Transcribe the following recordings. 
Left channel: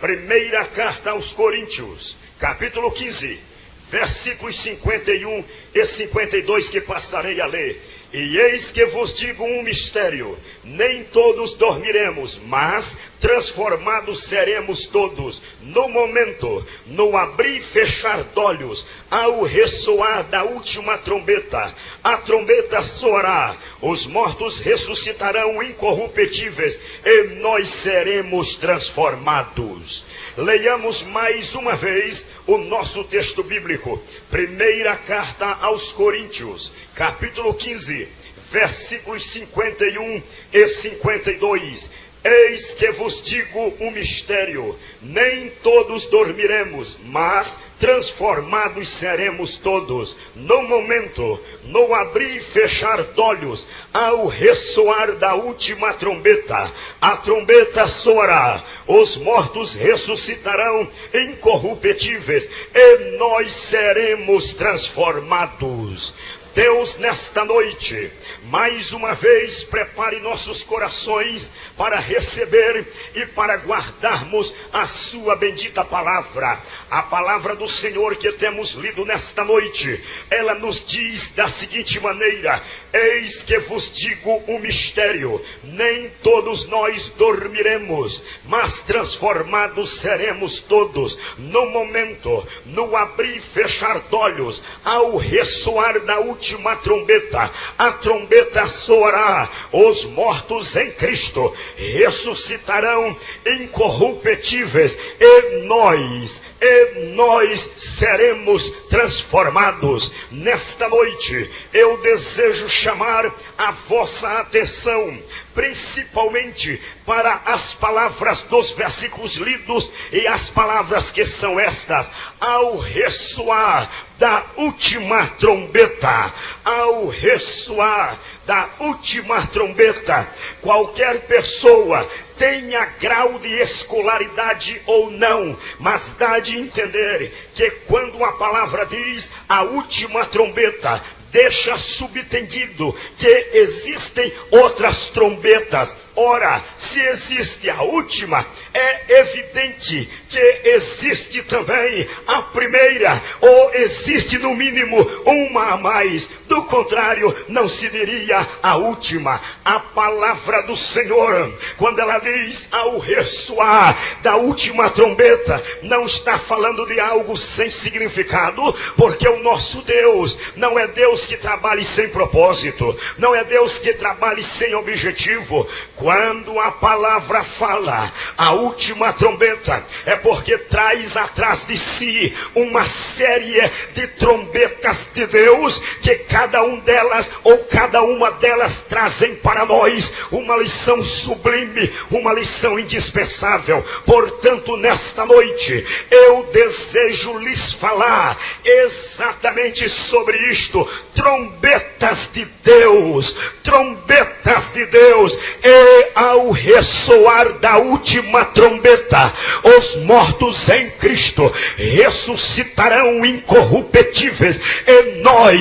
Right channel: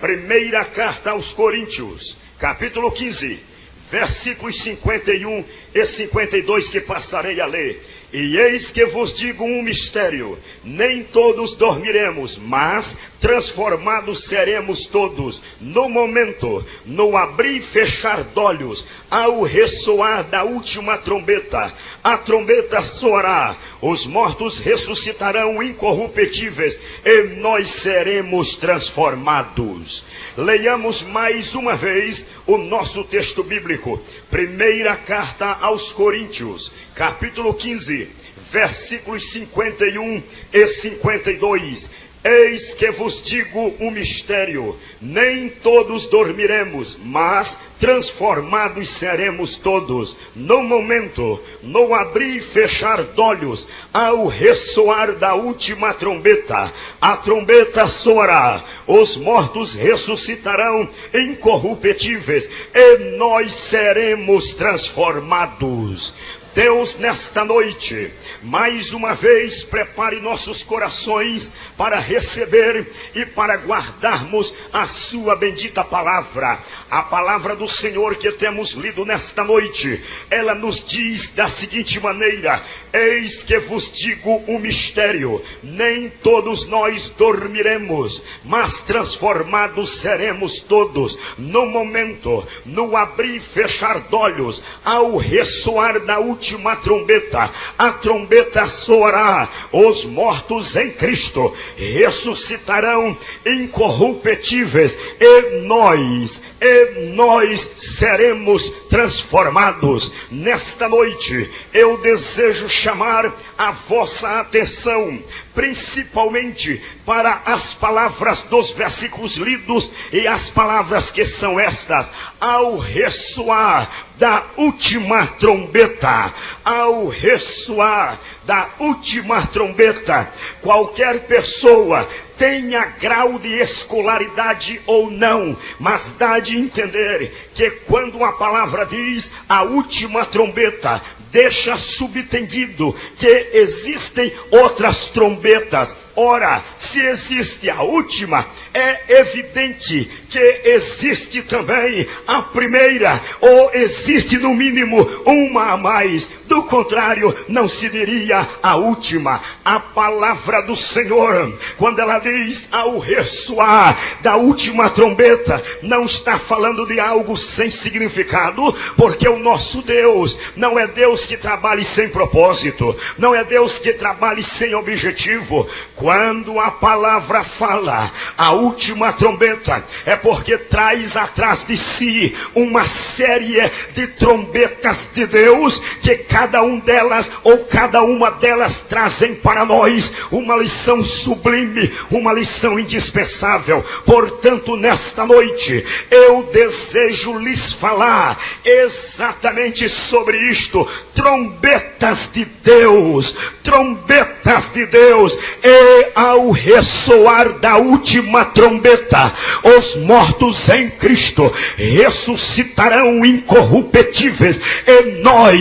Primeira carta aos Coríntios, capítulo 15, versículos 51 e 52 que passarei a ler. E eis que vos digo um mistério: nem todos dormiremos, mas transformados seremos todos, no momento, no abrir e fechar de olhos, ao ressoar da última trombeta. A trombeta soará, os mortos ressuscitarão incorruptíveis, e nós seremos transformados. Leiamos mais uma vez o nosso texto bíblico. Primeira carta aos Coríntios, capítulo 15, versículos 51 e 52. Eis que vos digo um mistério: nem todos dormiremos, mas transformados seremos todos, no momento, no abrir e fechar de olhos, ao ressoar da última trombeta. A trombeta soará, os mortos ressuscitarão incorruptíveis, e nós seremos transformados. Deus, nesta noite, mais uma vez, prepare nossos corações para receber e para guardarmos a sua bendita palavra. A palavra do Senhor que temos lido nesta noite, ela nos diz da seguinte maneira: eis que vos digo um mistério, nem todos nós dormiremos, mas transformados seremos todos, no momento, no abrir e fechar de olhos, ao ressoar da última trombeta. A trombeta soará, os mortos em Cristo ressuscitarão incorruptíveis, e nós seremos transformados. Nesta noite, eu desejo chamar a vossa atenção, principalmente para as palavras dos versículos lidos, e as palavras que são estas: ao ressoar da última trombeta. Ao ressoar da última trombeta, qualquer pessoa, tenha grau de escolaridade ou não, mas dá de entender que quando a palavra diz a última trombeta, deixa subentendido que existem outras trombetas. Ora, se existe a última, é evidente que existe também a primeira, ou existe no mínimo uma a mais. Do contrário, não se diria a última. A palavra do Senhor, quando ela diz ao ressoar da última trombeta, não está falando de algo sem significado, porque o nosso Deus não é Deus que trabalhe sem propósito, não é Deus que trabalhe sem objetivo. Quando a palavra fala a última trombeta, é porque traz atrás de si uma série de trombetas de Deus, que cada uma delas trazem para nós uma lição sublime, uma lição indispensável. Portanto, nesta noite, eu desejo lhes falar exatamente sobre isto: trombetas de Deus, trombetas de Deus. E ao ressoar da última trombeta, os mortos em Cristo ressuscitarão incorruptíveis, e nós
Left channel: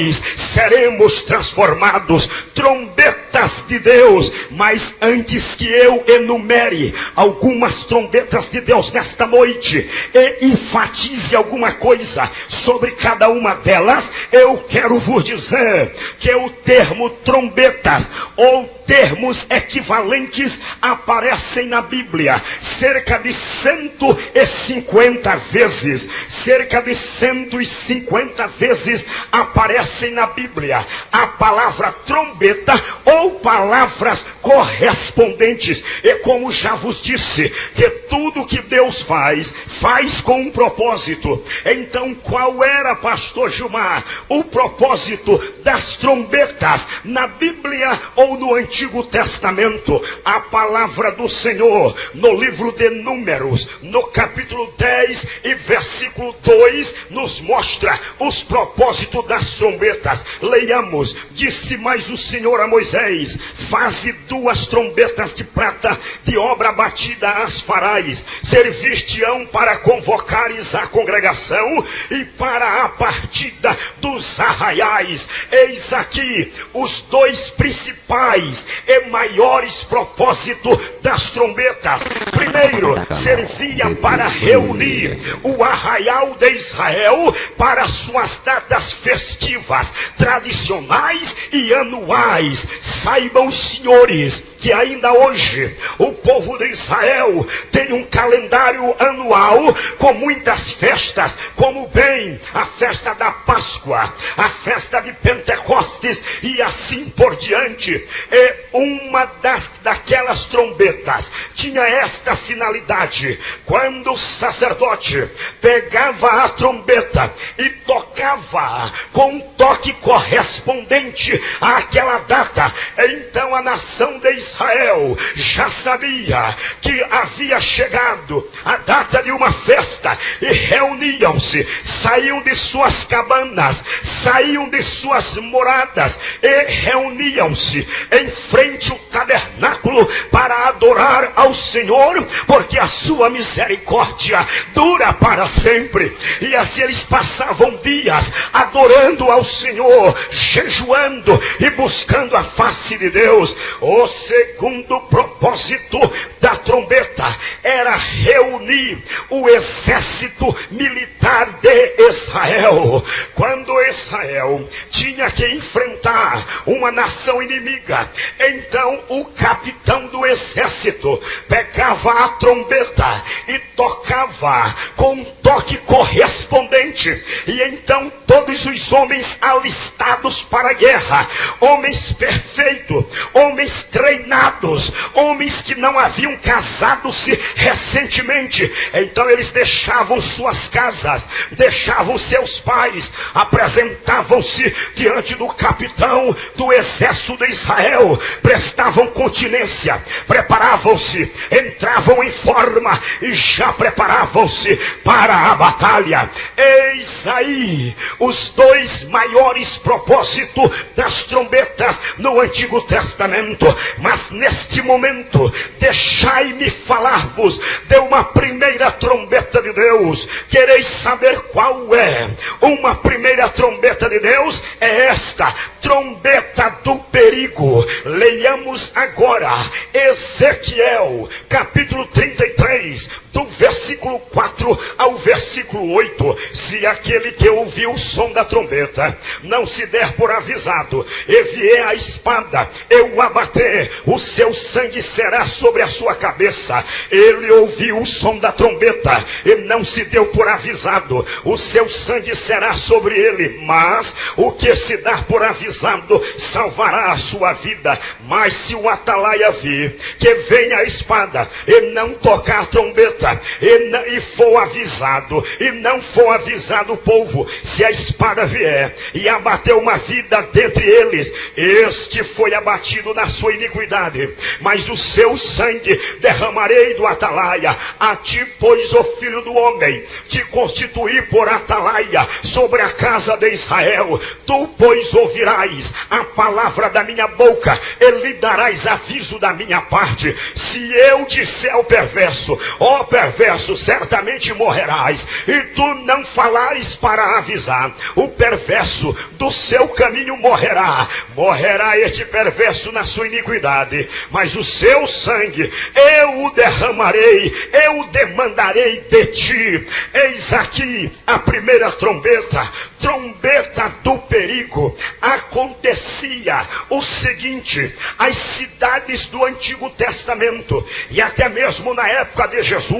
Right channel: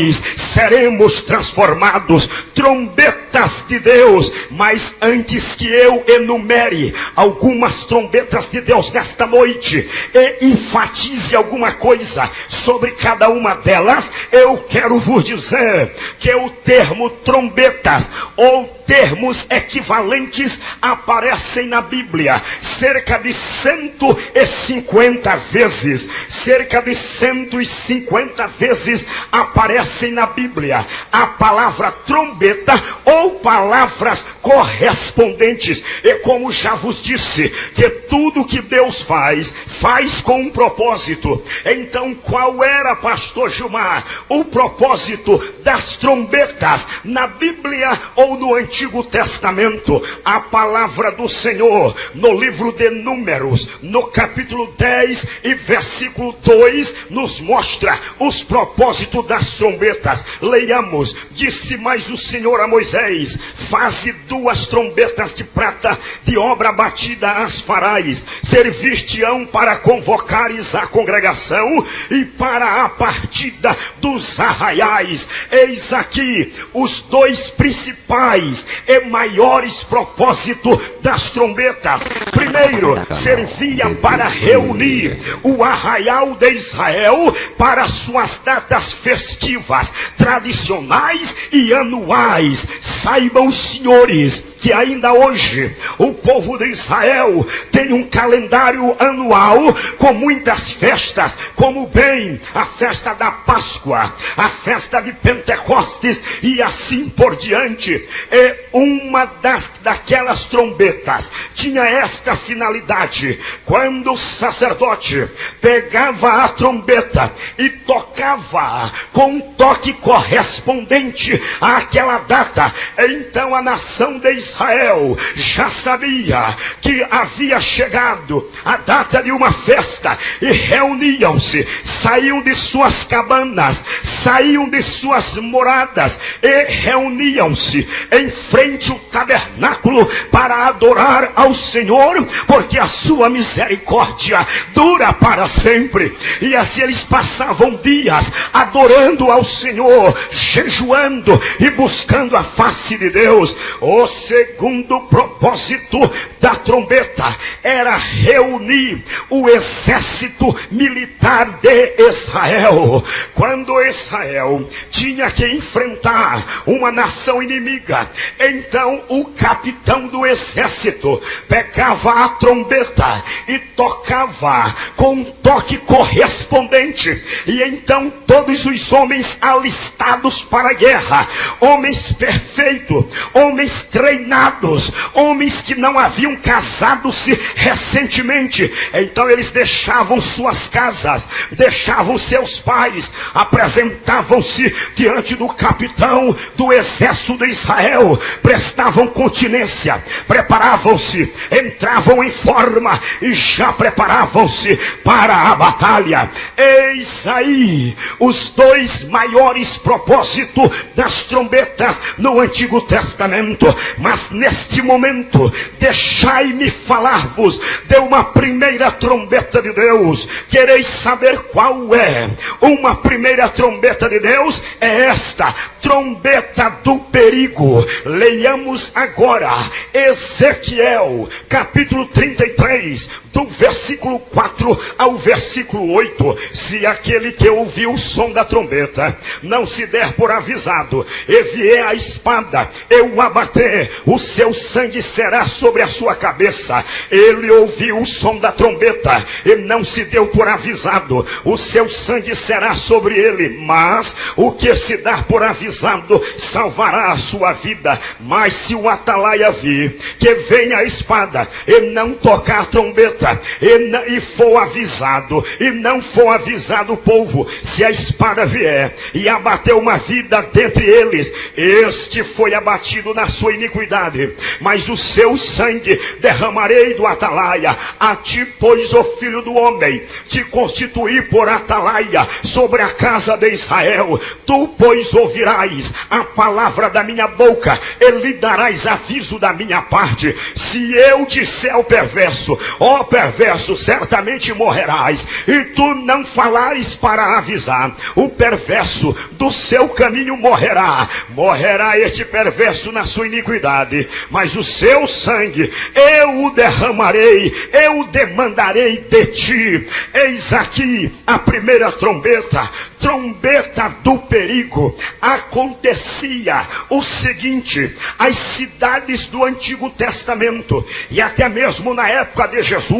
seremos transformados. Trombetas de Deus. Mas antes que eu enumere algumas trombetas de Deus nesta noite e enfatize alguma coisa sobre cada uma delas, eu quero vos dizer que o termo trombetas, ou termos equivalentes, aparecem na Bíblia cerca de 150 vezes. Cerca de 150 vezes aparecem na Bíblia a palavra trombeta ou palavras correspondentes. E como já vos disse, que tudo que Deus faz com um propósito. Então, qual era, pastor Gilmar, o propósito das trombetas na Bíblia ou no Antigo Testamento? A palavra do Senhor, no livro de Números, no capítulo 10 e versículo 2, nos mostra os propósitos das trombetas. Leiamos: disse mais o Senhor a Moisés: faze 2 trombetas de prata, de obra batida as farás, servir-te-ão para convocares a congregação e para a partida dos arraiais. Eis aqui os dois principais e maiores propósitos das trombetas. Primeiro, servia para reunir o arraial de Israel para suas datas festivas, tradicionais e anuais. Saibam, senhores, que ainda hoje o povo de Israel tem um calendário anual com muitas festas, como bem a festa da Páscoa, a festa de Pentecostes e assim por diante. Uma daquelas trombetas tinha esta finalidade: quando o sacerdote pegava a trombeta e tocava com um toque correspondente àquela data, então a nação de Israel já sabia que havia chegado a data de uma festa e reuniam-se, saíam de suas cabanas, saíam de suas moradas e reuniam-se em frente ao tabernáculo para adorar ao Senhor, porque a sua misericórdia dura para sempre. E assim eles passavam dias adorando ao Senhor, jejuando e buscando a face de Deus. O segundo propósito da trombeta era reunir o exército militar de Israel. Quando Israel tinha que enfrentar uma nação inimiga, então o capitão do exército pegava a trombeta e tocava com um toque correspondente, e então todos os homens alistados para a guerra, homens perfeitos, homens treinados, homens que não haviam casado-se recentemente, então eles deixavam suas casas, deixavam seus pais, apresentavam-se diante do capitão do exército de Israel, prestavam continência, preparavam-se, entravam em forma e já preparavam-se para a batalha. Eis aí os dois maiores propósitos das trombetas no Antigo Testamento. Mas neste momento, deixai-me falar-vos de uma primeira trombeta de Deus. Quereis saber qual é? Uma primeira trombeta de Deus é esta: trombeta do perigo. Leiamos agora Ezequiel, capítulo 33, do versículo 4 ao versículo 8. Se aquele que ouviu o som da trombeta não se der por avisado e vier a espada, eu o abater, o seu sangue será sobre a sua cabeça. Ele ouviu o som da trombeta e não se deu por avisado, o seu sangue será sobre ele. Mas o que se dá por avisado salvará a sua vida. Mas se o atalaia vir que vem a espada e não tocar a trombeta, e for avisado, e não for avisado o povo, se a espada vier e abater uma vida dentre eles, este foi abatido na sua iniquidade, mas o seu sangue derramarei do atalaia. A ti, pois, ó filho do homem, te constituí por atalaia sobre a casa de Israel. Tu, pois, ouvirás a palavra da minha boca e lhe darás aviso da minha parte. Se eu disser ao perverso, ó perverso, certamente morrerás, e tu não falares para avisar, o perverso do seu caminho morrerá. Morrerá este perverso na sua iniquidade, mas o seu sangue eu o derramarei, eu o demandarei de ti. Eis aqui a primeira trombeta, trombeta do perigo. Acontecia o seguinte: as cidades do Antigo Testamento, e até mesmo na época de Jesus,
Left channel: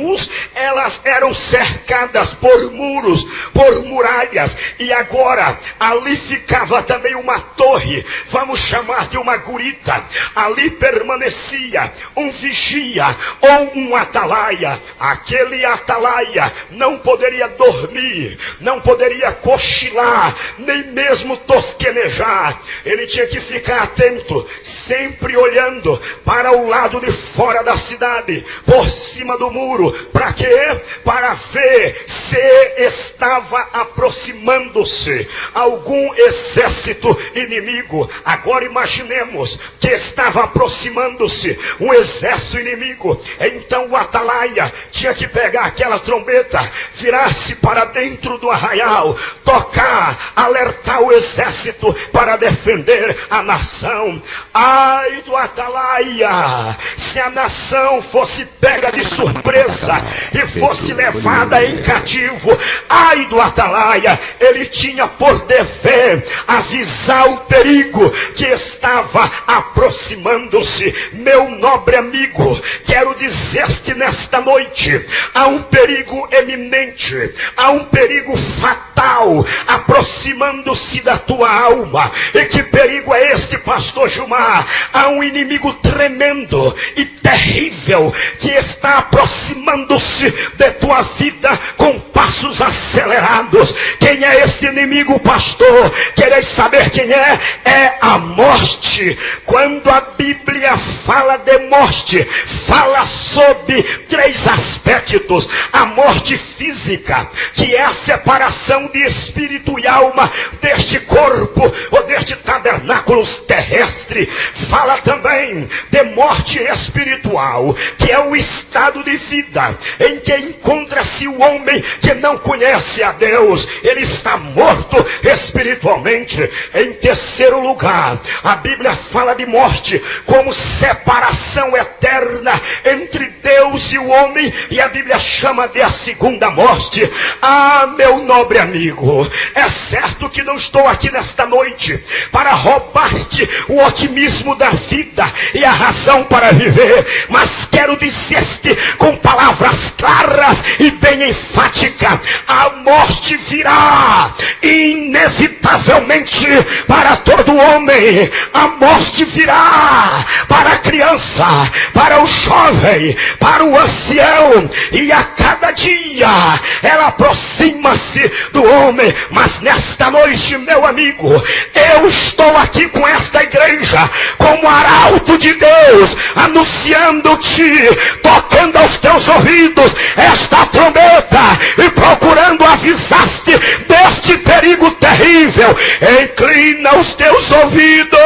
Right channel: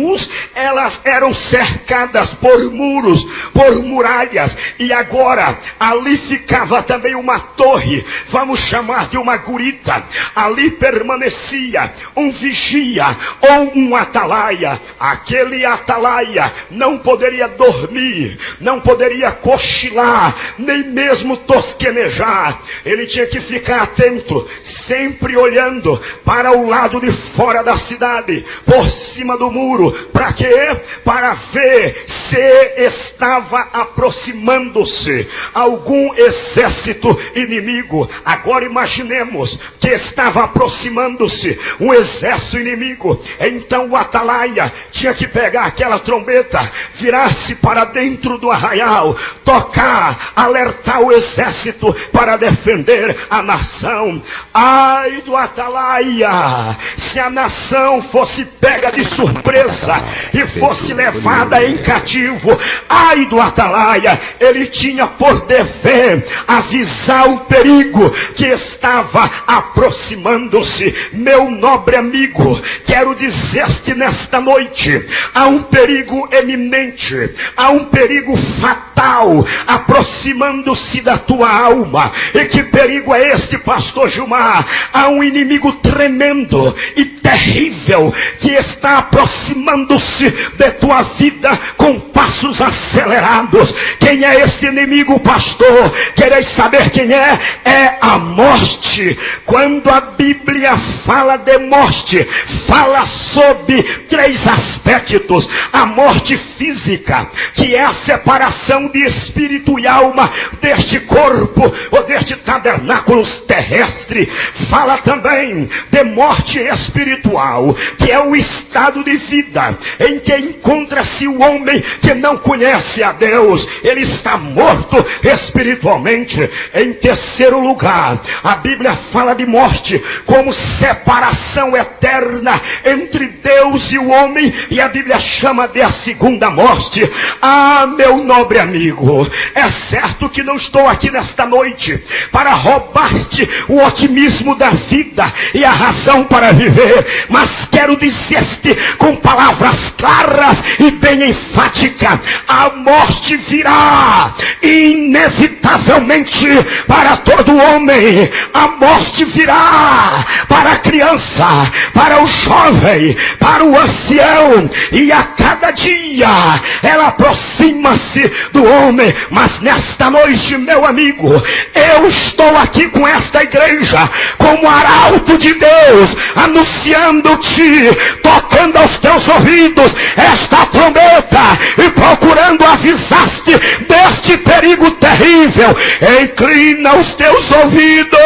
elas eram cercadas por muros, por muralhas, e agora ali ficava também uma torre, vamos chamar de uma gurita. Ali permanecia um vigia ou um atalaia. Aquele atalaia não poderia dormir, não poderia cochilar, nem mesmo tosquenejar. Ele tinha que ficar atento, sempre olhando para o lado de fora da cidade, por cima do muro. Para quê? Para ver se estava aproximando-se algum exército inimigo. Agora imaginemos que estava aproximando-se um exército inimigo. Então o atalaia tinha que pegar aquela trombeta, virar-se para dentro do arraial, tocar, alertar o exército para defender a nação. Ai do Atalaia, se a nação fosse pega de surpresa e fosse levada em cativo, ai do Atalaia, ele tinha por dever avisar o perigo que estava aproximando-se. Meu nobre amigo, quero dizer-te nesta noite, há um perigo eminente, há um perigo fatal aproximando-se da tua alma. E que perigo é este, pastor Gilmar? Há um inimigo tremendo e terrível que está aproximando-se de tua vida com passos acelerados. Quem é este inimigo, pastor? Quereis saber quem é? É a morte. Quando a Bíblia fala de morte, fala sobre 3 aspectos: a morte física, que é a separação de espírito e alma deste corpo ou deste tabernáculo terrestre. Fala também de morte espiritual, que é o estado de vida em que encontra-se o homem que não conhece a Deus. Ele está morto espiritualmente. Em terceiro lugar, a Bíblia fala de morte como separação eterna entre Deus e o homem, e a Bíblia chama de a segunda morte. Ah, meu nobre amigo, é certo que não estou aqui nesta noite para roubar-te o otimismo da vida e a razão para viver, mas quero dizer-te com palavras claras e bem enfáticas: a morte virá inevitavelmente para todo homem. A morte virá para a criança, para o jovem, para o ancião, e a cada dia ela aproxima-se do homem. Mas nesta noite, meu amigo, eu estou aqui com esta igreja como arauto de Deus, anunciando-te, tocando aos teus ouvidos esta trombeta e procurando avisar-te deste perigo terrível. Inclina os teus ouvidos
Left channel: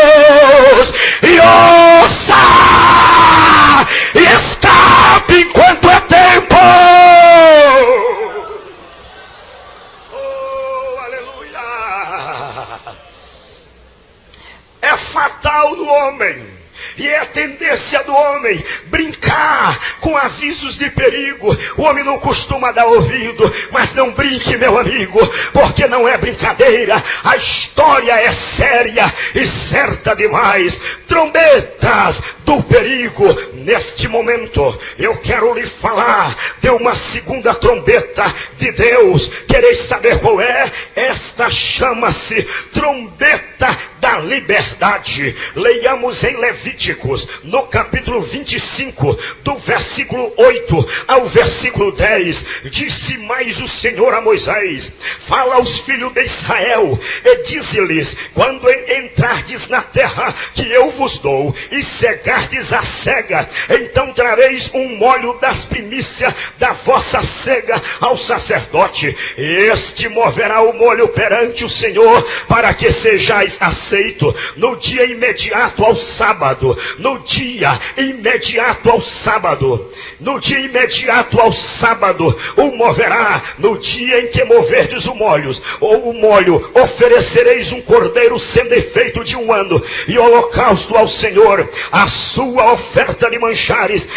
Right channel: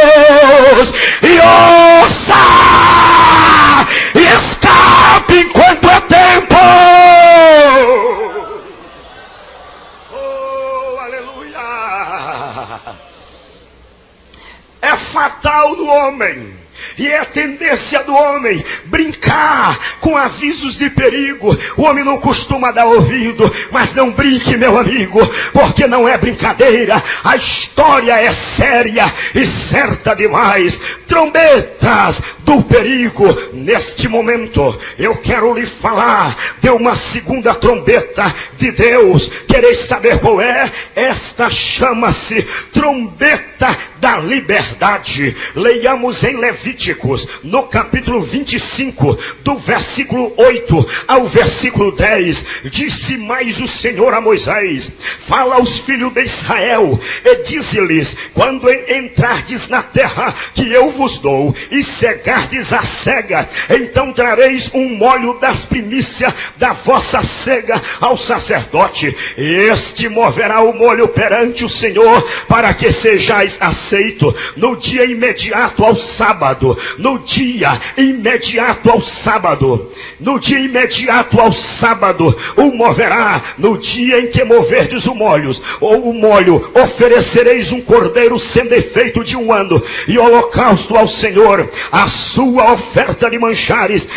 e ouça, e escape enquanto é tempo. Oh, aleluia! É fatal no homem, e é tendência do homem brincar com avisos de perigo. O homem não costuma dar ouvido, mas não brinque, meu amigo, porque não é brincadeira. A história é séria e certa demais. Trombetas do perigo. Neste momento eu quero lhe falar de uma segunda trombeta de Deus. Quereis saber qual é? Esta chama-se trombeta da liberdade. Leiamos em Levíticos, no capítulo 25, do versículo 8 ao versículo 10. Disse mais o Senhor a Moisés: fala aos filhos de Israel e dize-lhes: quando entrardes na terra que eu vos dou e cegardes a cega, então trareis um molho das primícias da vossa cega ao sacerdote. Este moverá o molho perante o Senhor, para que sejais aceito no dia imediato ao sábado. No dia imediato ao sábado. No dia imediato ao sábado o moverá. No dia em que moverdes o molho, oferecereis um cordeiro sem defeito de 1 ano, e holocausto ao Senhor. A sua oferta de manjares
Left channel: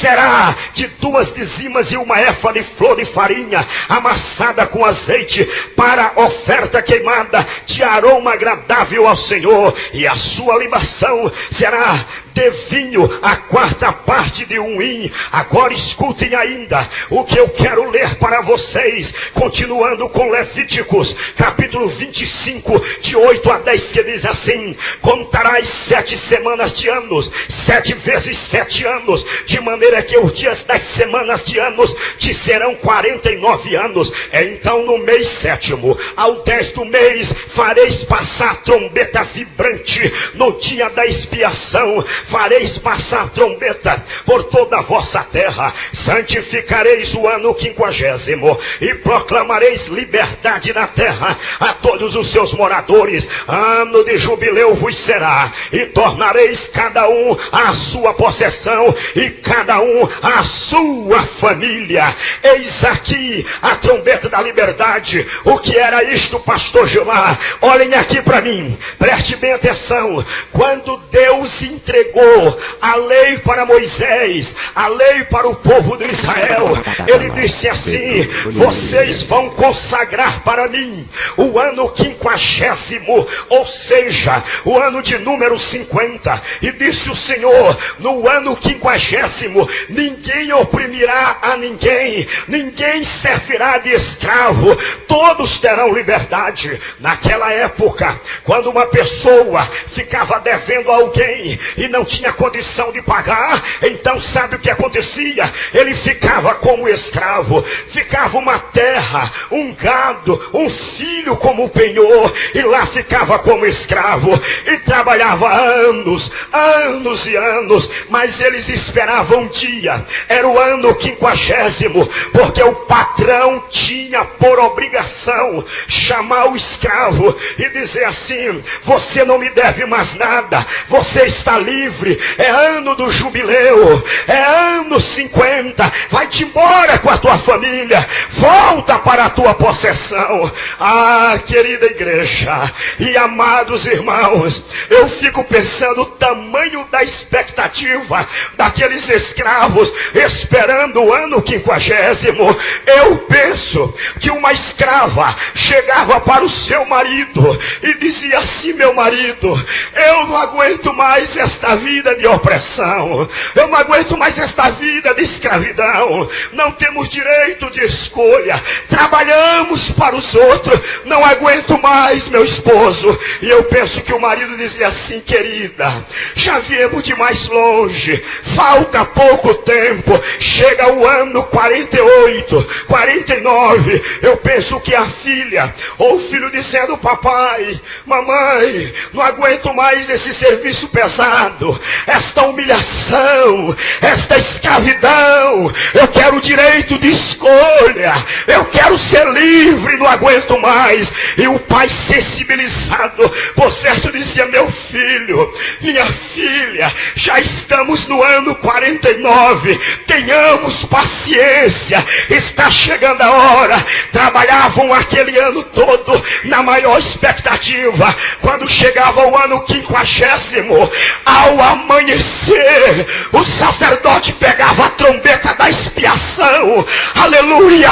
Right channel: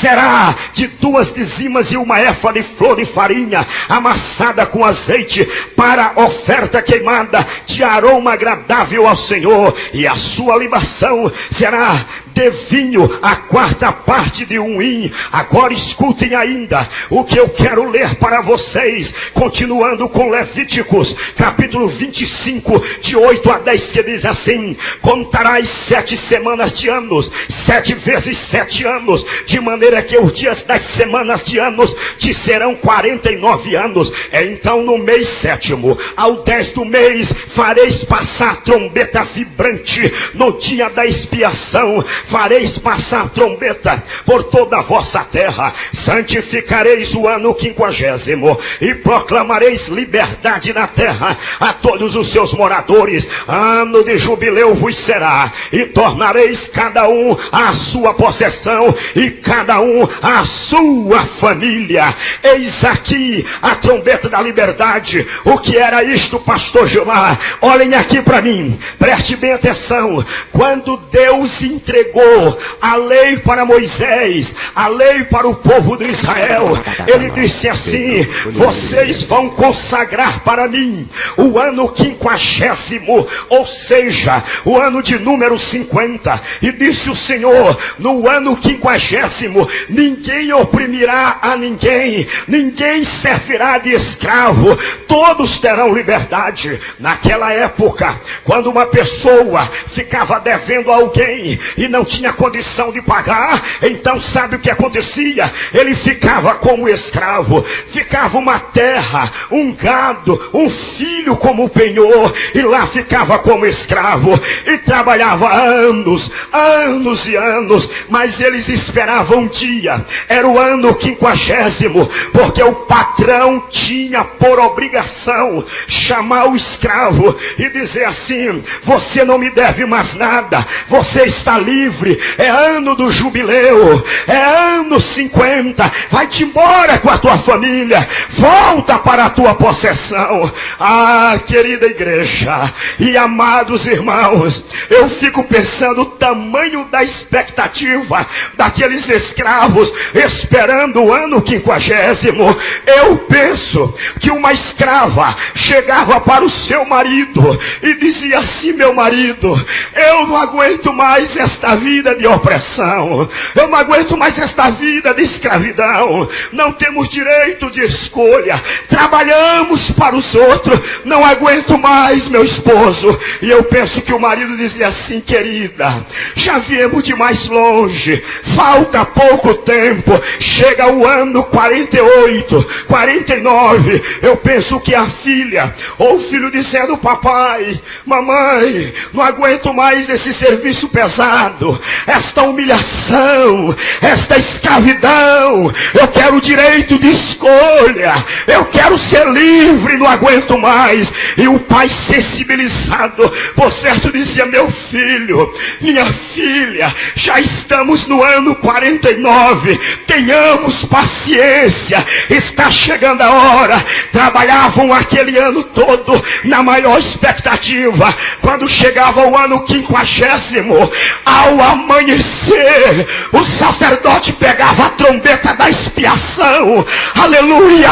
será de 2 dizimas e 1 éfa de flor de farinha amassada com azeite, para oferta queimada de aroma agradável ao Senhor. E a sua libação será de vinho, a 4ª parte de 1 hin. Agora escutem ainda o que eu quero ler para vocês, continuando com Levíticos, capítulo 25, de 8 a 10, que diz assim: contarás 7 semanas de anos, 7 vezes 7 anos, de maneira que os dias das semanas de anos te serão 49 anos. Então no mês 7º, ao 10 do mês, fareis passar trombeta vibrante no dia da expiação. fareis passar trombeta por toda a vossa terra, santificareis o ano 50º e proclamareis liberdade na terra a todos os seus moradores. Ano de jubileu vos será, e tornareis cada um a sua possessão e cada um a sua família. Eis aqui a trombeta da liberdade. O que era isto, pastor Gilmar? Olhem aqui para mim, preste bem atenção. Quando Deus entregou a lei para Moisés, a lei para o povo de Israel, ele disse assim: vocês vão consagrar para mim o ano 50º, ou seja, o ano de número 50. E disse o Senhor: no ano 50º, ninguém oprimirá a ninguém, ninguém servirá de escravo, todos terão liberdade. Naquela época, quando uma pessoa ficava devendo a alguém e não tinha condição de pagar, então sabe o que acontecia? Ele ficava como escravo, ficava uma terra, um gado, um filho como penhor, e lá ficava como escravo, e trabalhava anos, anos e anos, mas eles esperavam um dia, era o ano 50º, porque o patrão tinha por obrigação chamar o escravo e dizer assim: você não me deve mais nada, você está livre, é ano do jubileu, é ano 50, vai-te embora com a tua família, volta para a tua possessão. Ah, querida igreja e amados irmãos, eu fico pensando o tamanho da expectativa daqueles escravos esperando o ano 50º. Eu penso que uma escrava chegava para o seu marido e dizia assim: meu marido, eu não aguento mais esta vida de opressão, eu não aguento mais esta vida de escravidão, não temos direito de escolha, trabalhamos para os outros, não aguento mais meu esposo. E eu penso que o marido dizia assim: querida, já viemos de mais longe, falta pouco tempo, chega o ano 48, 49, eu penso que a filha, ou o filho dizendo: papai, mamãe, não aguento mais esse serviço pesado, esta humilhação, esta escravidão, eu quero o direito de escolha, eu quero ser livre, não aguento mais. E o pai, sensibilizado, por certo, dizia: meu filho, minha filha, já estamos no ano 49, tenhamos paciência, está chegando a hora. Trabalhavam aquele ano todo na maior expectativa. Quando chegava o ano 50º, ao amanhecer, o sacerdote pegava a trombeta da expiação, aleluia,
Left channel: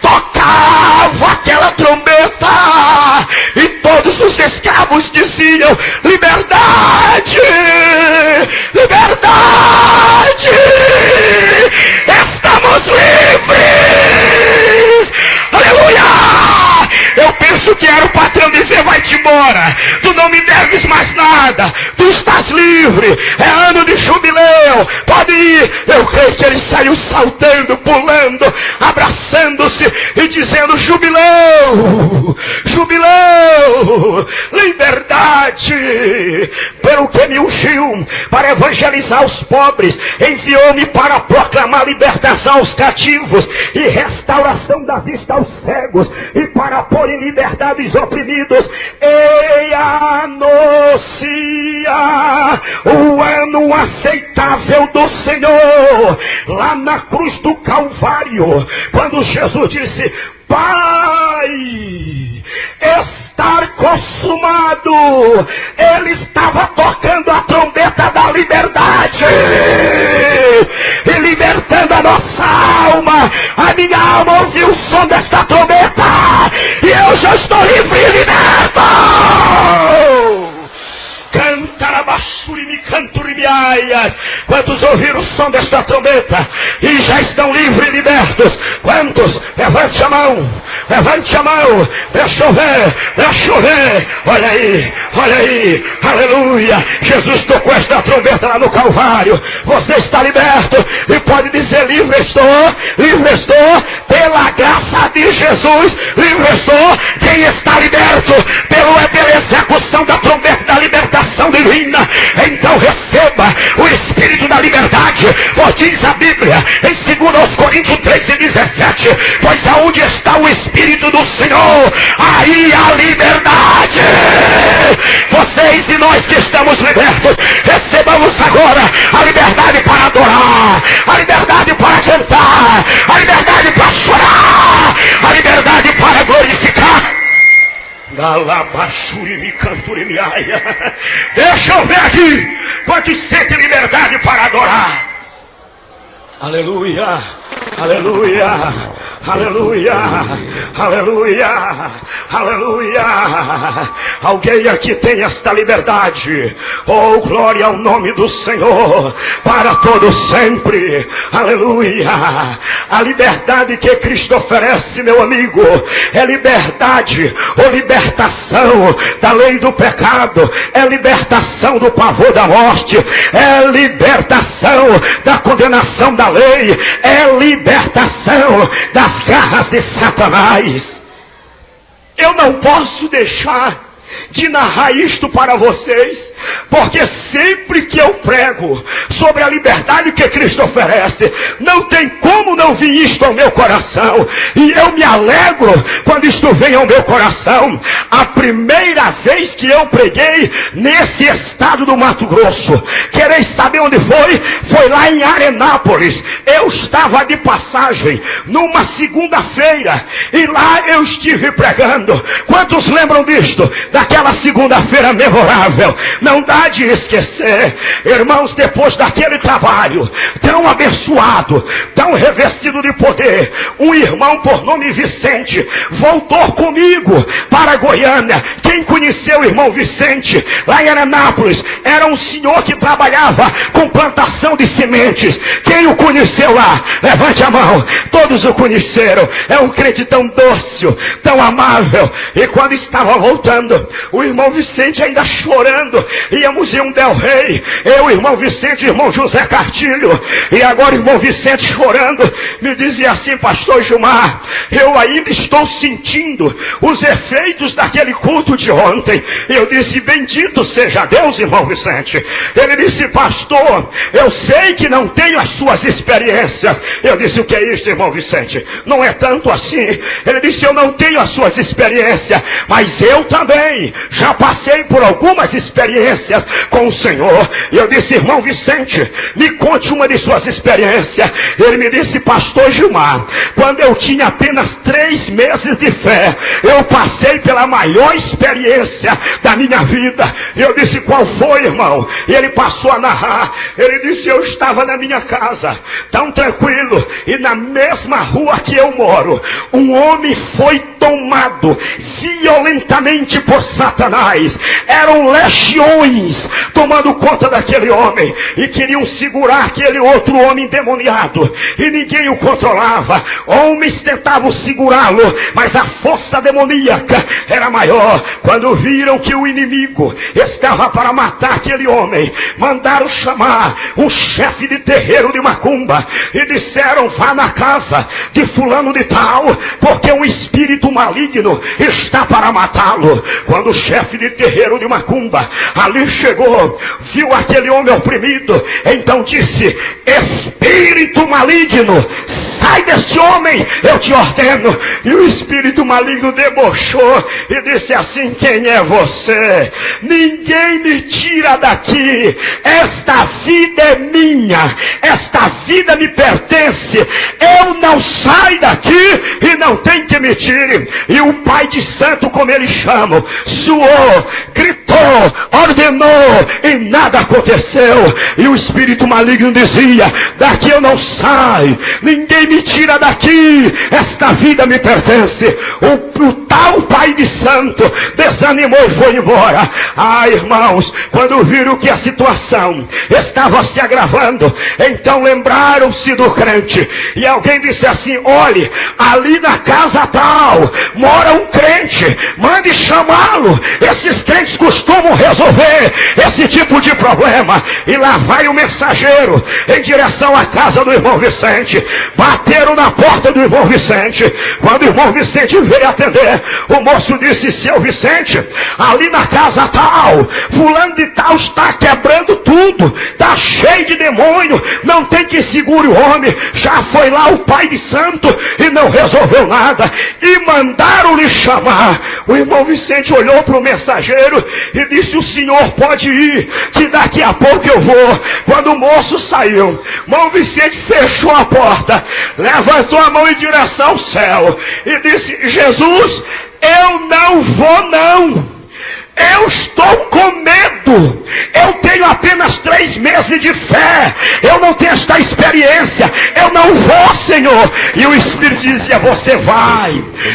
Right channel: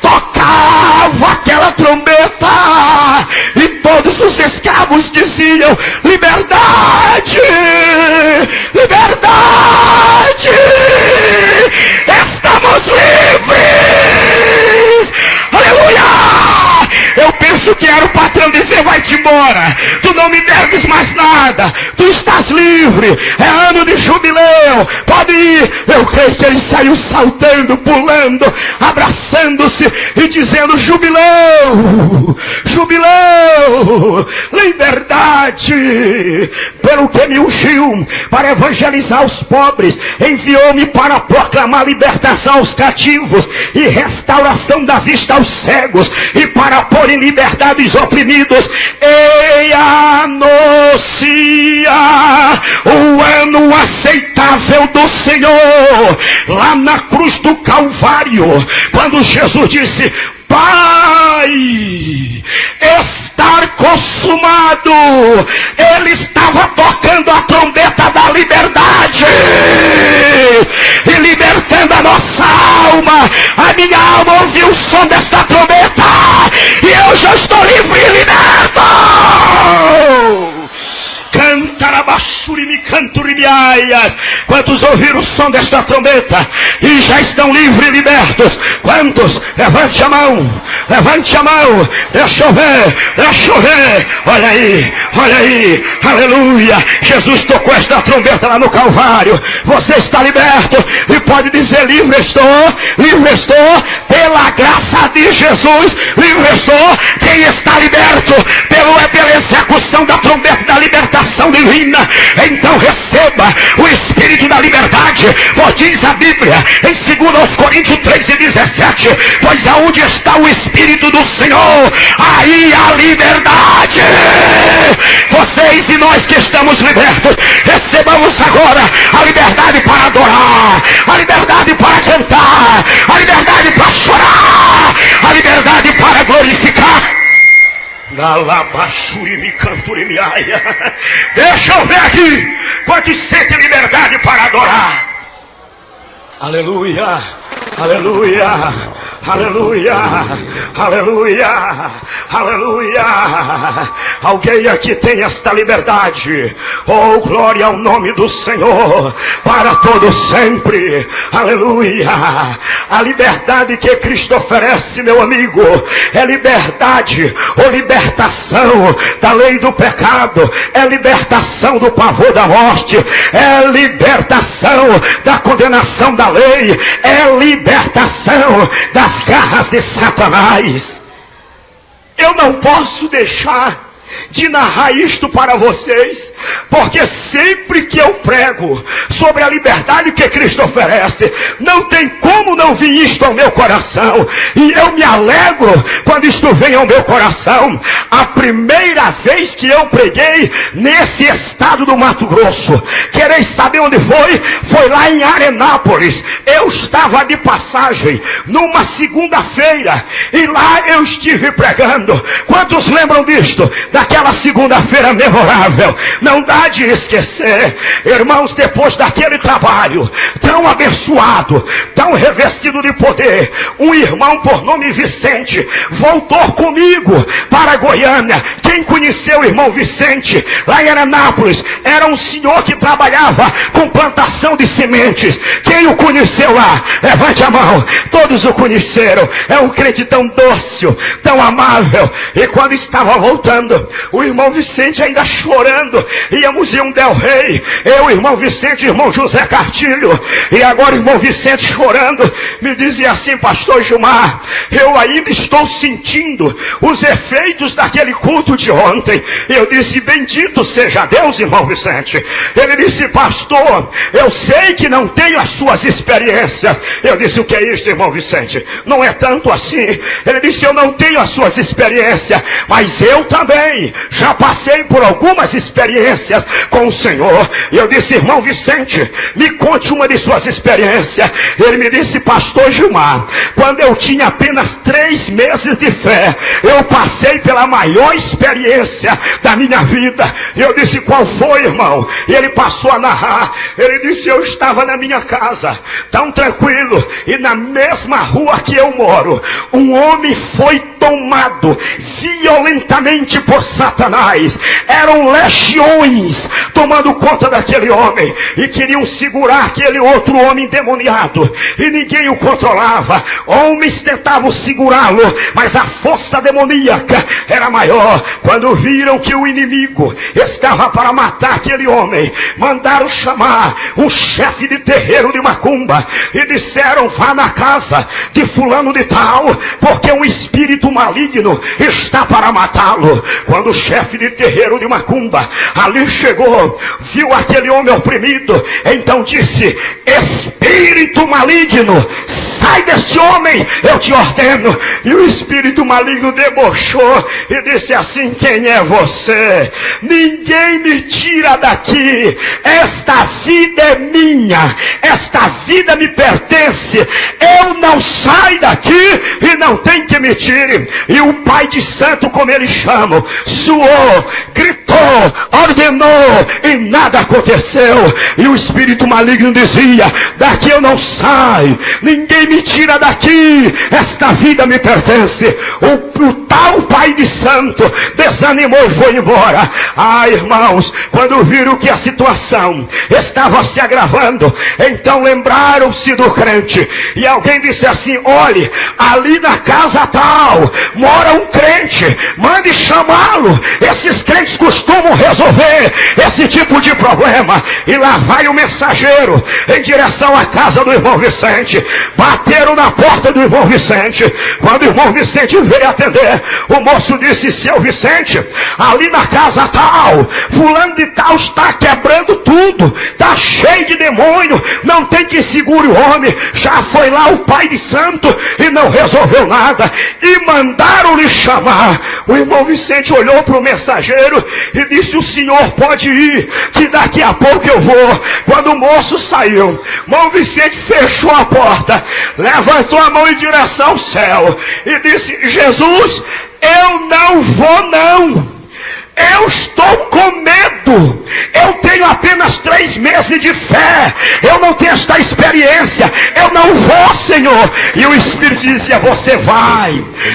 tocava aquela trombeta e todos os escravos diziam: liberdade, liberdade, estamos livres, aleluia. Eu penso que era o patrão dizer: vai-te embora, tu não me deves mais nada, tu estás livre, é ano de jubileu, pode ir. Eu creio que ele saiu saltando, pulando, abraçando-se e dizendo: jubileu, jubileu, liberdade. Pelo que me ungiu para evangelizar os pobres, enviou-me para proclamar libertação aos cativos e restauração da vista aos cegos, e para pôr em liberdade os oprimidos, e anuncia o ano aceitável do Senhor. Lá na cruz do Calvário, quando Jesus disse: Pai, estar consumado, ele estava tocando a trombeta da liberdade e libertando a nossa alma. A minha alma ouviu o som desta trombeta e eu já estou livre e liberto. Cantarabachurimi canturibiaias. Quantos ouviram o som desta trombeta e já estão livres e libertos? Quantos? Levante a mão, levante a mão. Deixa eu ver, deixa eu ver. Olha aí, aleluia. Jesus tocou esta trombeta lá no Calvário. Você está liberto e pode dizer: livre estou, pela graça de Jesus, libertou. Quem está liberto pela execução da trombeta da libertação divina, então receba o Espírito da liberdade. Pois diz a Bíblia em 2 Coríntios 3:17, pois aonde está o Espírito do Senhor, aí a liberdade. Vocês e nós que estamos libertos, recebamos agora a liberdade para adorar, a liberdade para cantar, a liberdade para chorar, a liberdade para glorificar. Deixa eu ver aqui quantos sentem liberdade para adorar. Aleluia, aleluia, aleluia, aleluia, aleluia. Alguém aqui tem esta liberdade. Oh, glória ao nome do Senhor para todo sempre. Aleluia. A liberdade que Cristo oferece, meu amigo, é liberdade ou libertação da lei do pecado, é libertação do pavor da morte, é libertação da condenação da lei, é libertação das garras de Satanás. Eu não posso deixar de narrar isto para vocês, porque sempre que eu prego sobre a liberdade que Cristo oferece, não tem como não vir isto ao meu coração, e eu me alegro quando isto vem ao meu coração. A primeira vez que eu preguei nesse estado do Mato Grosso, quereis saber onde foi? Foi lá em Arenápolis. Eu estava de passagem numa segunda-feira, e lá eu estive pregando. Quantos lembram disto? Daquela segunda-feira memorável. Não dá de esquecer, irmãos. Depois daquele trabalho tão abençoado, tão revestido de poder, um irmão por nome Vicente voltou comigo para Goiânia. Quem conheceu o irmão Vicente lá em Anápolis? Era um senhor que trabalhava com plantação de sementes. Quem o conheceu lá? Levante a mão. Todos o conheceram. É um crente tão doce, tão amável. E quando estava voltando, o irmão Vicente ainda chorando, íamos em um Del Rey, eu, irmão Vicente, irmão José Cartilho, e agora irmão Vicente chorando, me dizia assim: pastor Gilmar, eu ainda estou sentindo os efeitos daquele culto de ontem. Eu disse: bendito seja Deus, irmão Vicente. Ele disse: pastor, eu sei que não tenho as suas experiências. Eu disse: o que é isso, irmão Vicente? Não é tanto assim. Ele disse: eu não tenho as suas experiências, mas eu também já passei por algumas experiências com o Senhor. Eu disse: irmão Vicente, me conte uma de suas experiências. Ele me disse: pastor Gilmar, quando eu tinha apenas 3 meses de fé, eu passei pela maior experiência da minha vida. Eu disse: qual foi, irmão? E ele passou a narrar. Ele disse: eu estava na minha casa, tão tranquilo, e na mesma rua que eu moro, um homem foi tomado violentamente por Satanás. Eram legiões tomando conta daquele homem e queriam segurar aquele outro homem endemoniado, e ninguém o controlava. Homens tentavam segurá-lo, mas a força demoníaca era maior. Quando viram que o inimigo estava para matar aquele homem, mandaram chamar o chefe de terreiro de macumba e disseram: vá na casa de fulano de tal, porque um espírito maligno está para matá-lo. Quando o chefe de terreiro de macumba ali chegou, viu aquele homem oprimido, então disse: espírito maligno, sai desse homem, eu te ordeno. E o espírito maligno debochou e disse assim: quem é você? Ninguém me tira daqui, esta vida é minha, esta vida me pertence, eu não saio daqui e não tem que me tire. E o pai de santo, como eles chamam, suou, gritou, ordenou, e nada aconteceu. E o espírito maligno dizia: daqui eu não saio, ninguém me tira daqui, esta vida me pertence. pertence. O tal pai de santo desanimou e foi embora. Ah, irmãos, quando viram que a situação estava se agravando, então lembraram-se do crente. E alguém disse assim: olhe, ali na casa tal mora um crente, mande chamá-lo. Esses crentes costumam resolver esse tipo de problema. E lá vai o mensageiro em direção à casa do irmão Vicente. Bateram na porta do irmão Vicente. Quando o irmão Vicente veio atender, o moço disse: seu Vicente, ali na casa tal, fulano de tal está quebrando tudo, está cheio de demônio, não tem que segure o homem. Já foi lá o pai de santo e não resolveu nada, e mandaram-lhe chamar. O irmão Vicente olhou para o mensageiro e disse: o senhor pode ir, que daqui a pouco eu vou. Quando o moço saiu, o irmão Vicente fechou a porta, levantou a mão em direção ao céu e disse: Jesus, eu não vou não. Eu estou com medo. Eu tenho apenas 3 meses de fé. Eu não tenho esta experiência. Eu não vou, Senhor. E o Espírito dizia: você vai.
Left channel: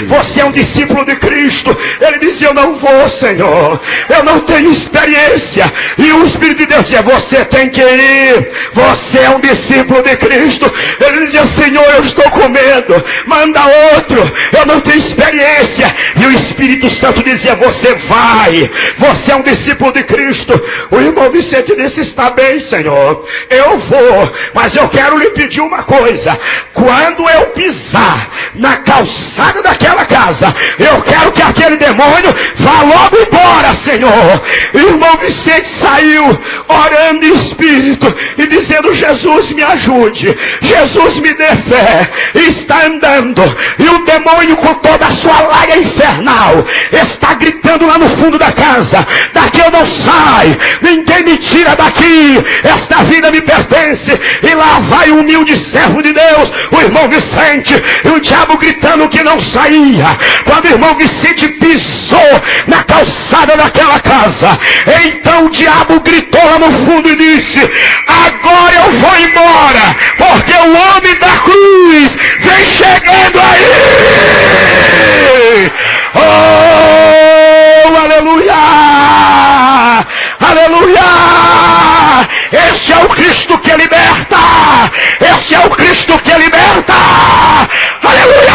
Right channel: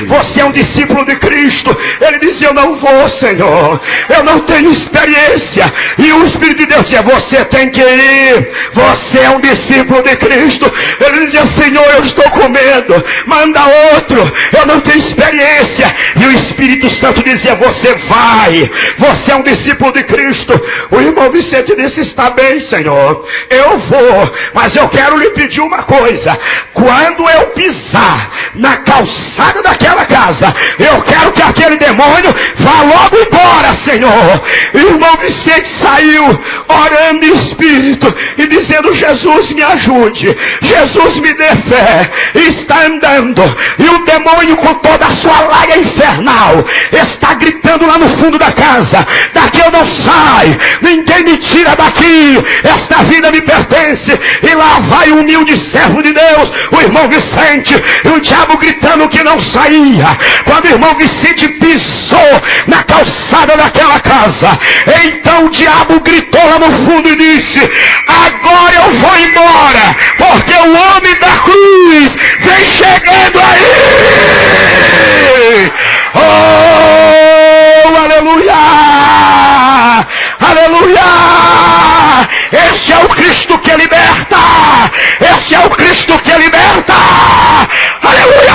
Você é um discípulo de Cristo. Ele dizia: eu não vou, Senhor. Eu não tenho experiência. E o Espírito de Deus dizia: você tem que ir. Você é um discípulo de Cristo. Ele dizia: Senhor, eu estou com medo. Manda outro. Eu não tenho experiência. E o Espírito Santo dizia: você vai. Você é um discípulo de Cristo. O irmão Vicente disse: está bem, Senhor, eu vou, mas eu quero lhe pedir uma coisa. Quando eu pisar na calçada daquela casa, eu quero que aquele demônio vá logo embora, Senhor. E o irmão Vicente saiu orando em espírito e dizendo: Jesus, me ajude, Jesus, me dê fé. E está andando, e o demônio, com toda a sua laia infernal, está gritando lá no fundo da casa: daqui eu não saio, ninguém me tira daqui, esta vida me pertence. E lá vai o humilde servo de Deus, o irmão Vicente, e o diabo gritando que não saía. Quando o irmão Vicente pisou na calçada daquela casa, então o diabo gritou lá no fundo e disse: agora eu vou embora, porque o homem da cruz vem chegando aí. Oh, aleluia! Aleluia! Esse é o Cristo que liberta! Esse é o Cristo que liberta! Aleluia!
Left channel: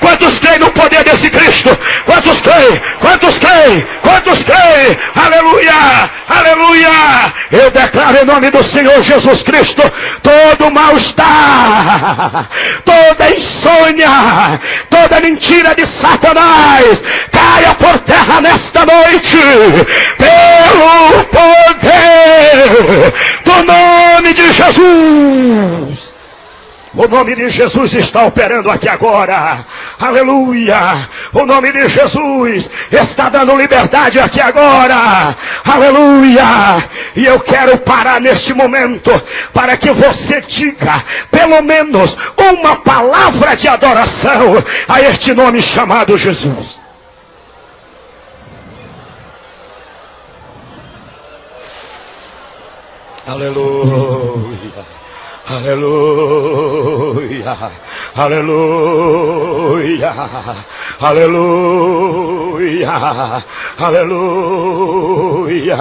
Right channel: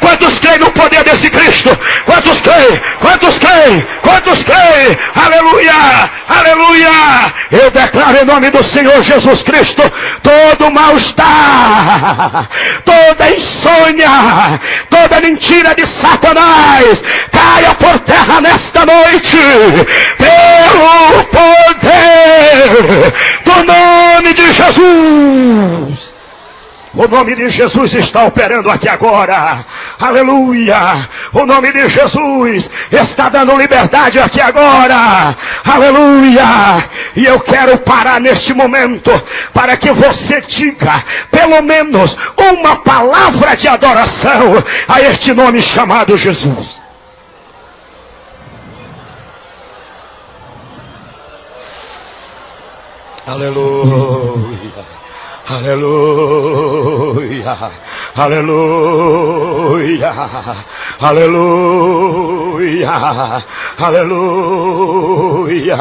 Quantos creem no poder desse Cristo? Quantos creem? Quantos creem? Quantos creem? Aleluia! Aleluia! Eu declaro em nome do Senhor Jesus Cristo: todo mal-estar, toda insônia, toda mentira de Satanás caia por terra nesta noite, pelo poder do nome de Jesus. O nome de Jesus está operando aqui agora. Aleluia. O nome de Jesus está dando liberdade aqui agora. Aleluia. E eu quero parar neste momento para que você diga pelo menos uma palavra de adoração a este nome chamado Jesus. Aleluia. Aleluia, aleluia, aleluia, aleluia.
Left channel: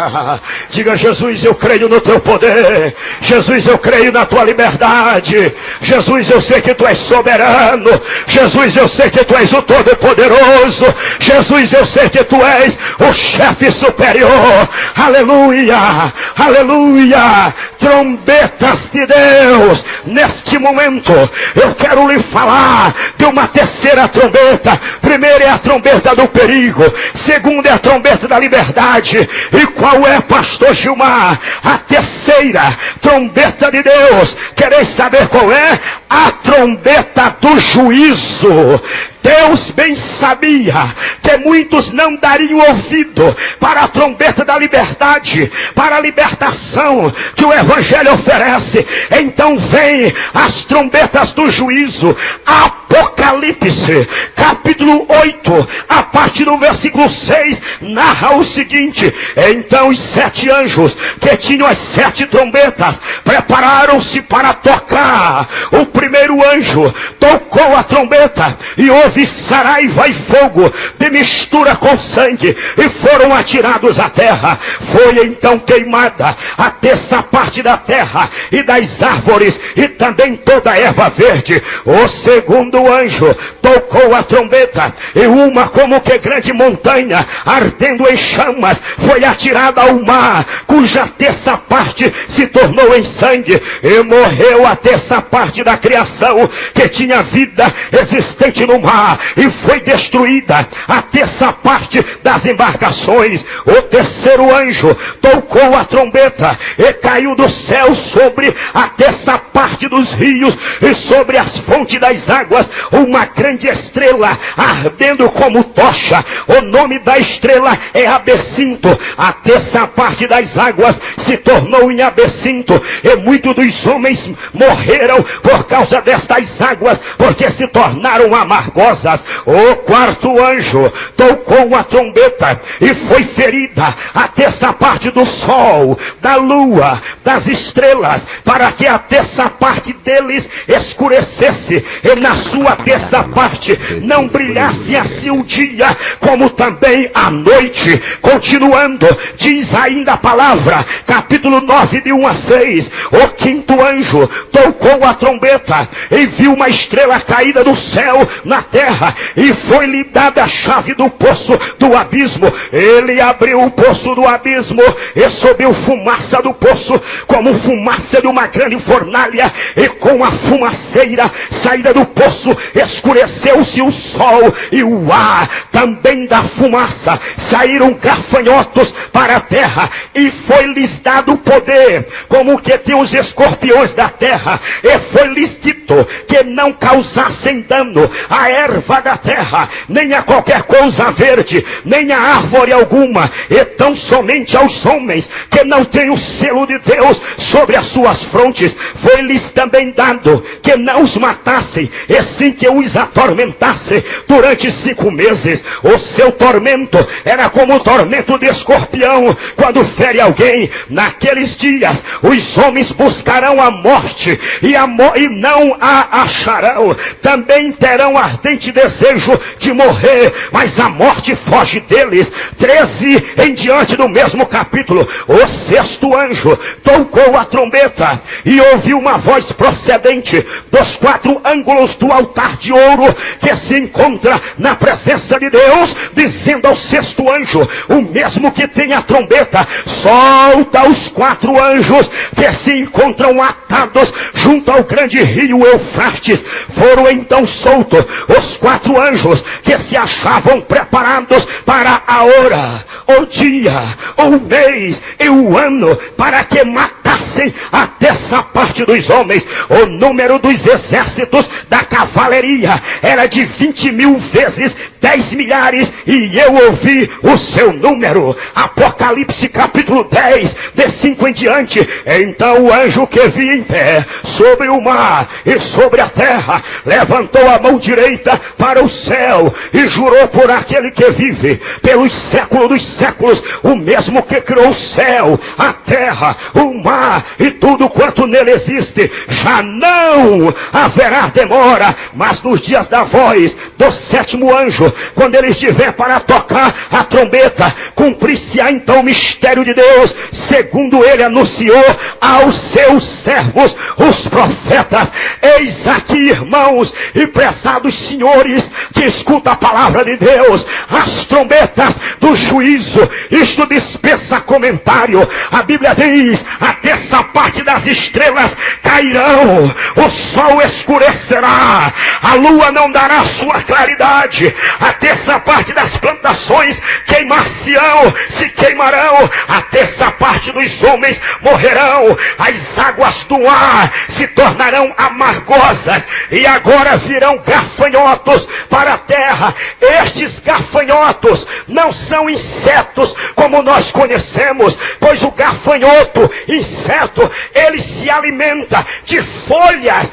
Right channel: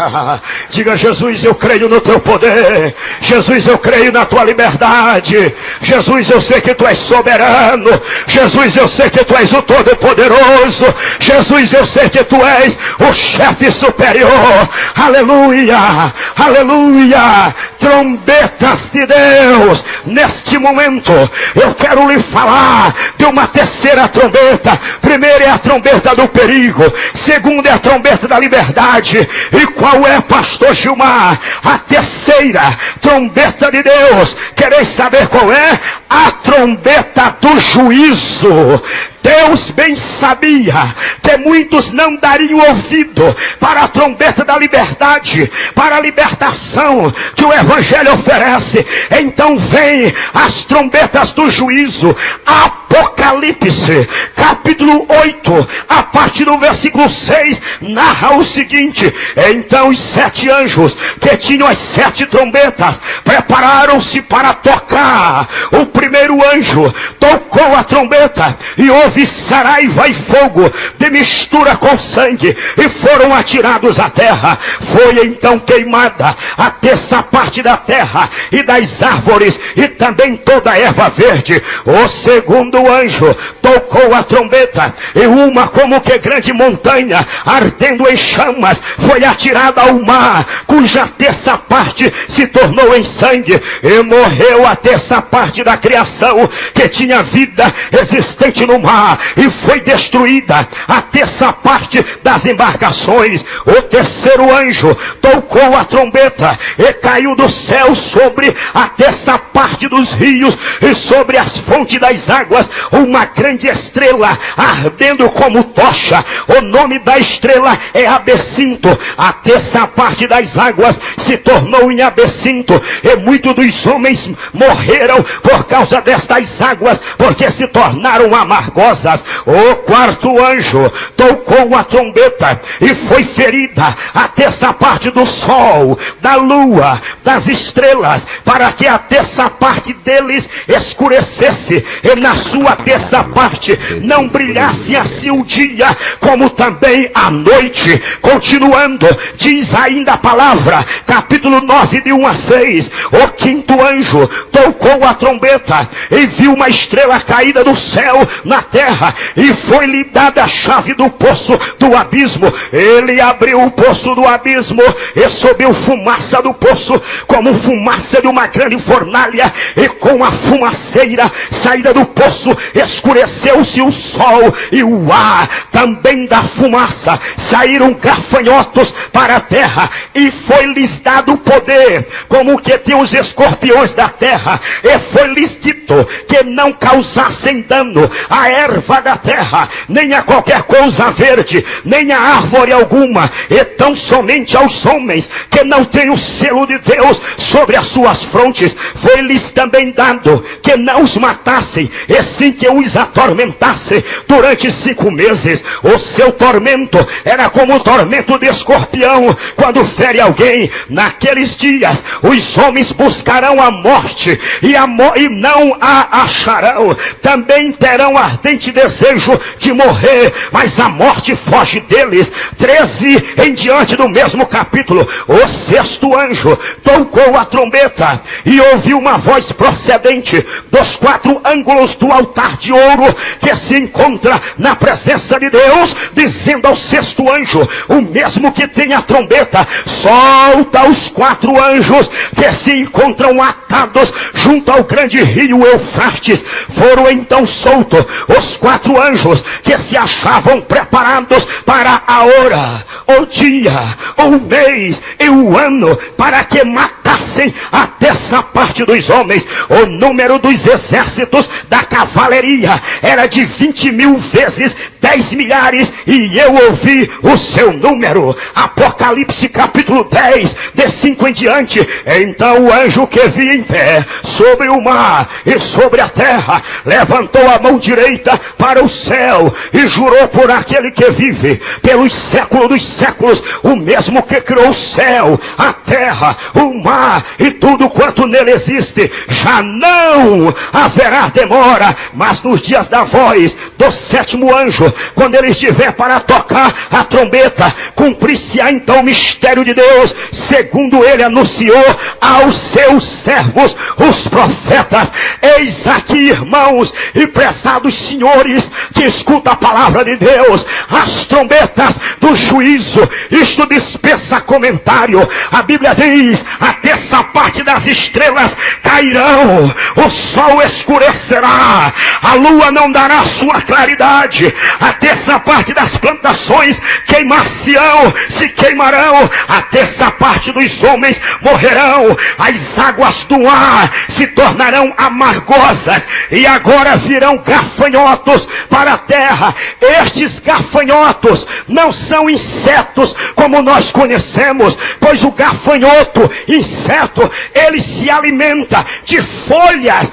Diga: Jesus, eu creio no teu poder. Jesus, eu creio na tua liberdade. Jesus, eu sei que tu és soberano. Jesus, eu sei que tu és o Todo-Poderoso. Jesus, eu sei que tu és o chefe superior. Aleluia, aleluia. Trombetas de Deus, neste momento eu quero lhe falar de uma terceira trombeta. Primeira é a trombeta do perigo, segunda é a trombeta da liberdade. E qual é, pastor Gilmar, a terceira trombeta de Deus? Quereis saber qual é? A trombeta do juízo. Deus bem sabia que muitos não dariam ouvido para a trombeta da liberdade, para a libertação que o Evangelho oferece. Então vem as trombetas do juízo. A Apocalipse, capítulo 8, a partir do versículo 6, narra o seguinte: então os 7 anjos que tinham as 7 trombetas prepararam-se para tocar. O primeiro anjo tocou a trombeta e houve saraiva e fogo de mistura com sangue, e foram atirados à terra. Foi então queimada a terça parte da terra e das árvores, e também toda a erva verde. O segundo anjo tocou a trombeta, e uma como que grande montanha, ardendo em chamas, foi atirada ao mar, cuja terça parte se tornou em sangue, e morreu a terça parte da criação que tinha vida existente no mar, e foi destruída a terça parte das embarcações. O terceiro anjo tocou a trombeta, e caiu do céu sobre a terça parte dos rios e sobre as fontes das águas uma grande estrela ardendo como tocha. O nome da estrela é Absinto. A terça parte das águas se tornou em Absinto, e muitos dos homens morreram por causa destas águas, porque se tornaram amargosas. O quarto anjo tocou a trombeta, e foi ferida a terça parte do sol, da lua, das estrelas, para que a terça parte deles escurecesse, e na sua terça parte não brilhasse assim o dia, como também a noite. Continuando, diz ainda a palavra, capítulo 9, de 1 a 6, o quinto anjo tocou a trombeta, e viu uma estrela caída do céu na terra, e foi-lhe dada a chave do poço do abismo. Ele abriu o poço do abismo, e subiu fumaça do poço, como fumaça de uma grande fornalha, e com a fumaceira saída do poço escureceu-se o sol e o ar. Também da fumaça saíram gafanhotos para a terra, e foi-lhes dado poder como que tem os escorpiões da terra, e foi-lhes dito que não causassem dano à erva da terra, nem a qualquer coisa verde, nem a árvore alguma, e tão somente aos homens que não têm o selo de Deus sobre as suas frontes. Foi-lhes também dado que não os matassem, e sim que os atormentasse durante 5 meses. O seu tormento era como o tormento de escorpião quando fere alguém. Naqueles dias os homens buscarão a morte, e não a acharão. Também terão ardente desejo de morrer, mas a morte foge deles. 13 em diante do mesmo capítulo, o sexto anjo tocou a trombeta, e ouviu uma voz procedente dos 4 ângulos do altar de ouro que se encontra na presença de Deus, dizendo ao sexto anjo, o mesmo que tem a trombeta: solta os 4 anjos que se encontram atados junto ao grande rio Eufrates. Foram então soltos os 4 anjos que se achavam preparados para a hora, o dia, o mês e o ano, para que matassem a terça parte dos homens. O número dos exércitos da cavalaria era de 20.000 vezes 10 milhares, e eu ouvi o seu número. Apocalipse capítulo 10, de 5 em diante. Então o anjo que vi em pé sobre o mar e sobre a terra levantou a mão direita para o céu e jurou por aquele que vive pelos séculos dos séculos, o mesmo que criou o céu, a terra, o mar e tudo quanto nele existe: já não haverá demora, mas nos dias da voz do sétimo anjo, quando ele estiver para tocar a trombeta, cumprir-se-á então o mistério de Deus, segundo ele anunciou aos seus servos, os profetas. Eis aqui, irmãos e prezados senhores que escutam a palavra de Deus, as trombetas do juízo. Isto dispensa comentário. A Bíblia diz: a terça parte das estrelas cairão, o sol escurecerá, a lua não dará sua claridade, a terça parte das plantações queimar-se-ão, se queimarão, a terça parte dos homens morrerão, as águas do ar se tornarão amargosas, e agora virão gafanhotos para a terra. Estes gafanhotos não são insetos como nós conhecemos, pois o gafanhoto, inseto, ele se alimenta de folhas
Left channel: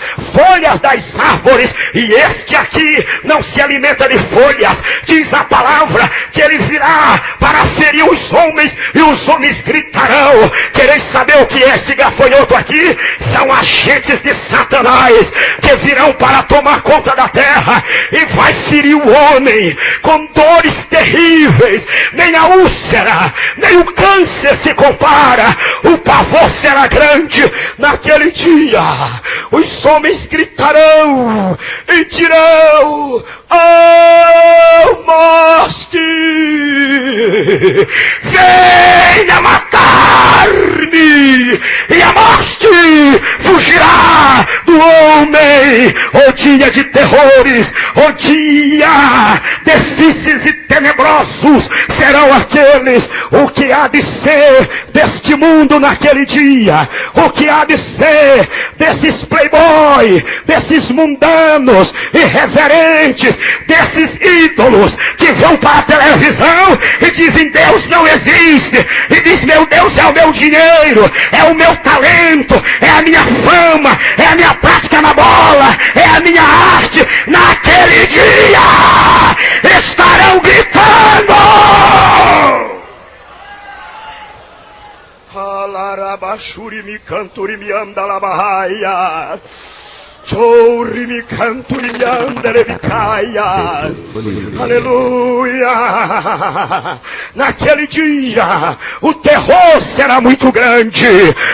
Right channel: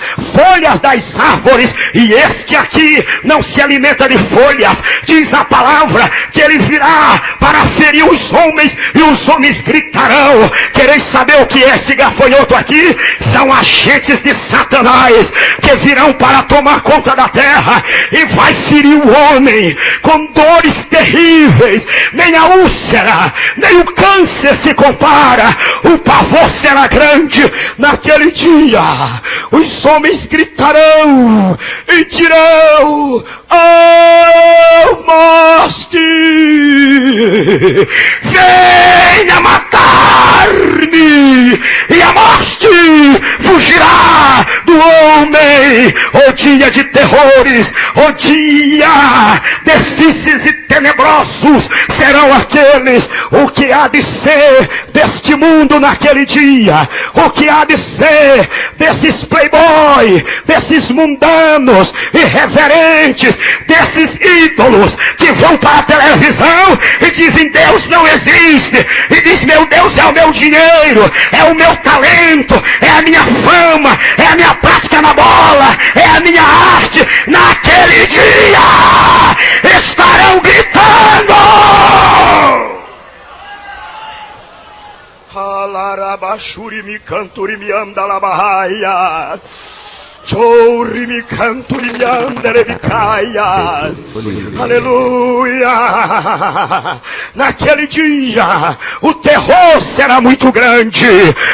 das árvores, e este aqui não se alimenta de folhas. Diz a palavra que ele virá para ferir os homens, e os homens gritarão. Quereis saber o que é esse gafanhoto aqui? São agentes de Satanás que virão para tomar conta da terra, e vai ferir o homem com dores terríveis. Nem a úlcera, nem o câncer se compara. O pavor será grande naquele dia. Os homens gritarão e dirão: oh, morte, venha matar-me, e a morte fugirá do homem. O dia de terrores, o dia difíceis e tenebrosos serão aqueles. O que há de ser deste mundo naquele dia? O que há de ser desses playboy, desses mundanos, irreverentes, desses ídolos que vão para a televisão e dizem: Deus não existe, e diz: meu Deus é o meu dinheiro, é o meu talento, é a minha fama, é a minha prática na bola, é a minha arte. Naquele dia estarão gritando: Alarabashuri mi canturi mi andalabahaia, chorri mi canturi mi andalebicaia. Aleluia! Naquele dia o terror será muito grande.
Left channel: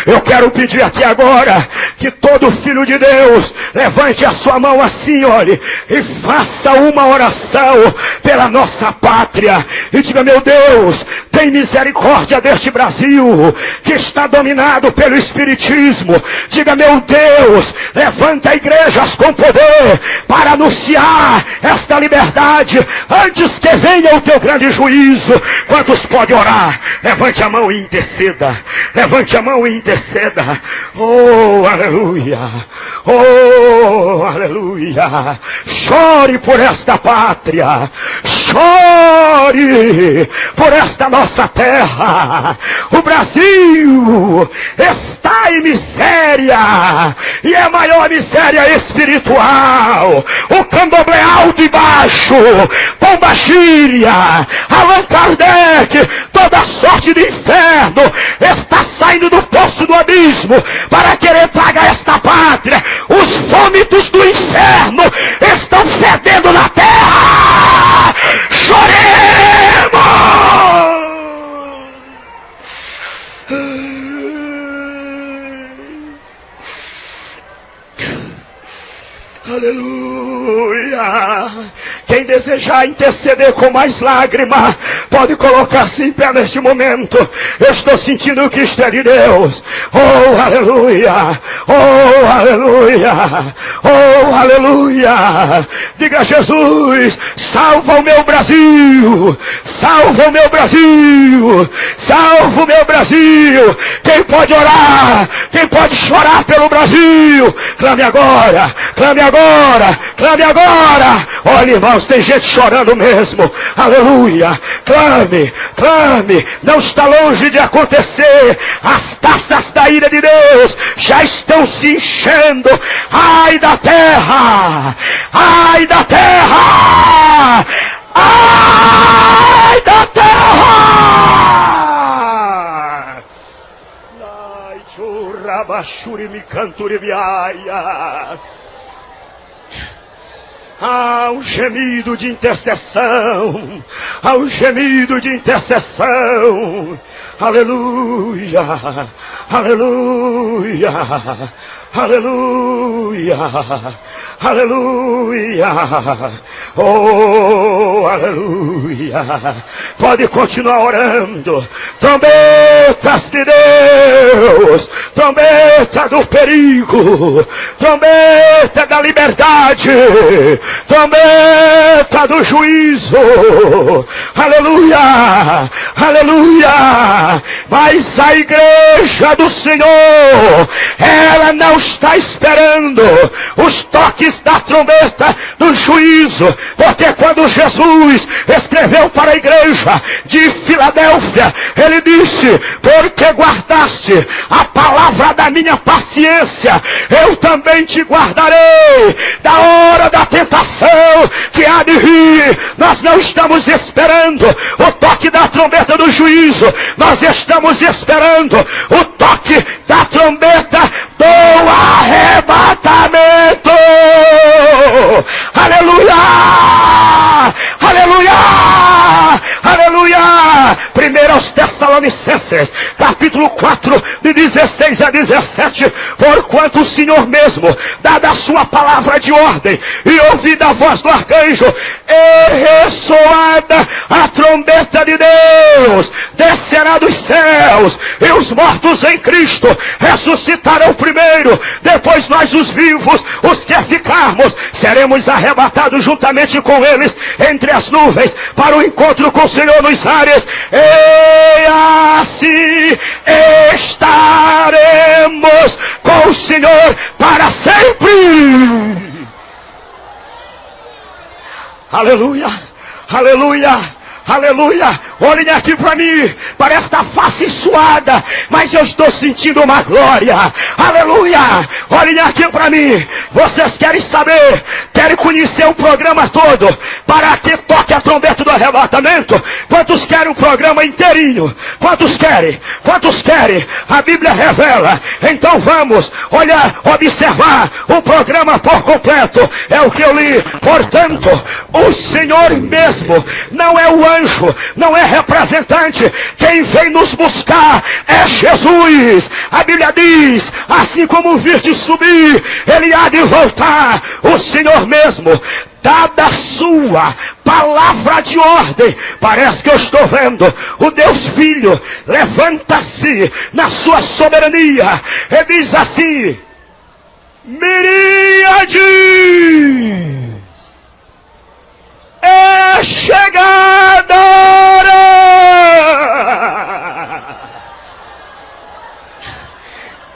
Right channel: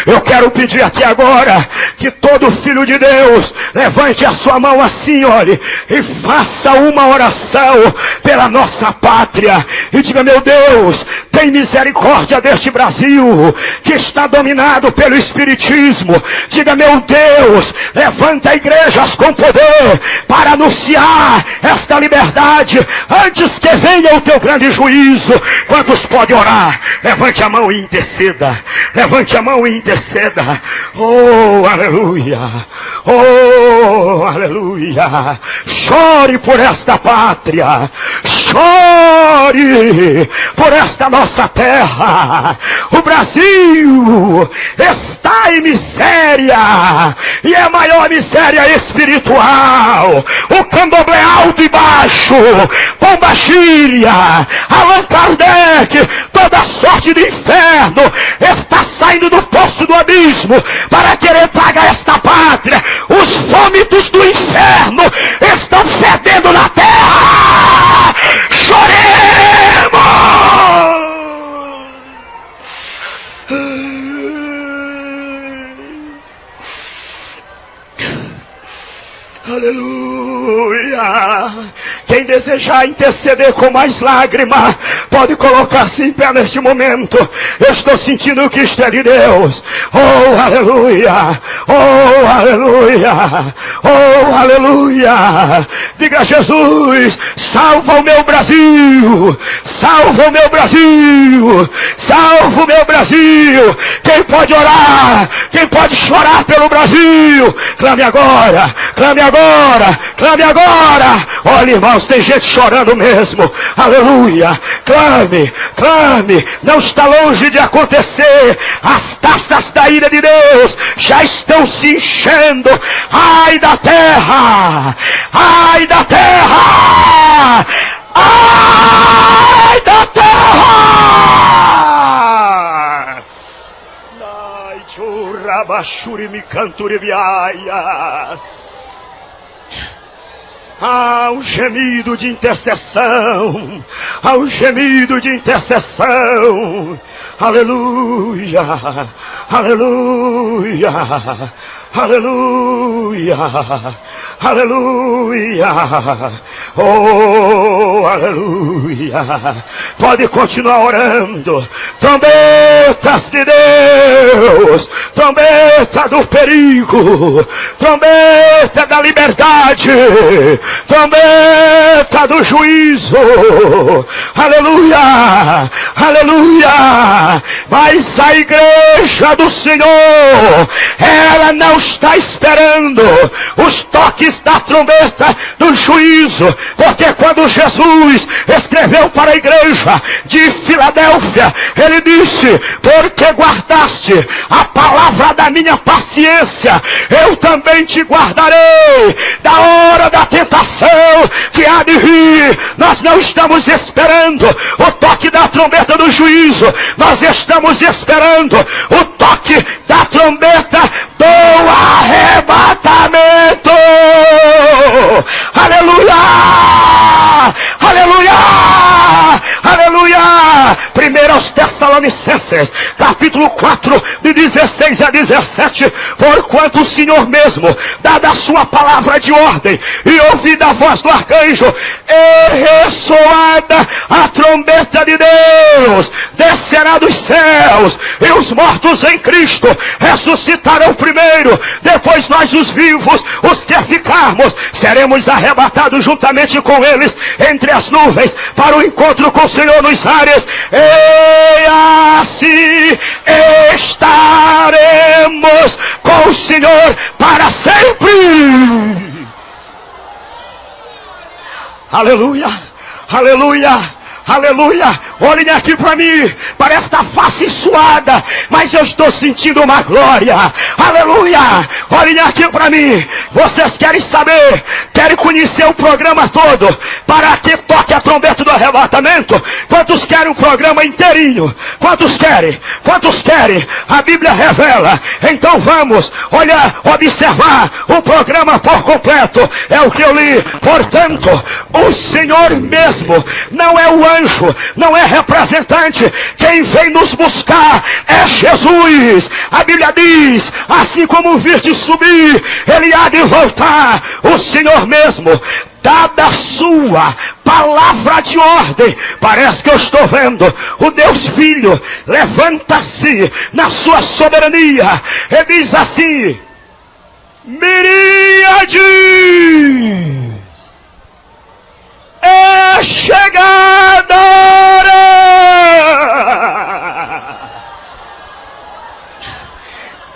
Eu quero pedir aqui agora que todo filho de Deus levante a sua mão assim, olhe, e faça uma oração pela nossa pátria e diga: meu Deus, tem misericórdia deste Brasil que está dominado pelo espiritismo. Diga: meu Deus, levanta igrejas com poder para anunciar esta liberdade antes que venha o teu grande juízo. Quantos podem orar? Levante a mão e interceda. Levante a mão e interceda. Oh, aleluia! Oh, aleluia! Chore por esta pátria, chore por esta nossa terra. O Brasil está em miséria, e é a maior miséria espiritual. O candomblé alto e baixo, Pombagira, Allan Kardec, toda sorte de inferno está saindo do poço do abismo para querer pagar esta pátria. Os vômitos do inferno estão fedendo na terra. Choremos! Aleluia! Quem desejar interceder com mais lágrimas, pode colocar-se em pé neste momento. Eu estou sentindo que isto é de Deus. Oh, aleluia! Oh, aleluia! Oh, aleluia! Diga: Jesus, salva o meu Brasil! Salva o meu Brasil! Salva o meu Brasil! Quem pode orar? Quem pode chorar pelo Brasil? Clame agora! Clame agora! Clame agora! Olha, irmãos, tem gente chorando mesmo. Aleluia! Clame! Clame! Não está longe de acontecer. As taças da ira de Deus já estão se enchendo. Ai da terra! Ai da terra! Ai da terra! Ai, churrabachuri mi canturi viaia. Há um gemido de intercessão, há um gemido de intercessão. Aleluia, aleluia, aleluia, aleluia. Oh, aleluia. Pode continuar orando. Trombetas de Deus, trombeta do perigo, trombeta da liberdade, trombeta do juízo. Aleluia, aleluia. Mas a igreja do Senhor, ela não está esperando os toques da trombeta do juízo, porque quando Jesus escreveu para a igreja de Filadélfia, ele disse: porque guardaste a palavra da minha paciência, eu também te guardarei da hora da tentação que há de vir. Nós não estamos esperando o toque da trombeta do juízo, nós estamos esperando o toque da trombeta do arrebatamento. Aleluia, aleluia, aleluia. 1 Tessalonicenses, capítulo 4, de 16 a 17. Porquanto o Senhor mesmo, dada a sua palavra de ordem, e ouvida a voz do arcanjo, e ressoada a trombeta de Deus, descerá dos céus, e os mortos em Cristo ressuscitarão primeiro. Depois nós, os vivos, os que ficarmos, seremos arrebatados juntamente com eles entre as nuvens, para o encontro com o Senhor nos ares, e assim estaremos com o Senhor para sempre. Aleluia, aleluia, aleluia. Olhem aqui para mim, para esta face suada, mas eu estou sentindo uma glória. Aleluia, olhem aqui para mim. Vocês querem saber, querem conhecer o programa todo, para que toque a trombeta do arrebatamento? Quantos querem o programa inteirinho? Quantos querem? Quantos querem? A Bíblia revela. Então vamos, olha, observar o programa por completo. É o que eu li. Portanto, o Senhor mesmo, não é o anjo, não é representante, quem vem nos buscar é Jesus. A Bíblia diz: assim como viste subir, ele há de voltar. O Senhor mesmo, dada a sua palavra de ordem, parece que eu estou vendo o Deus Filho levanta-se na sua soberania e diz assim: miríades, é chegada a hora.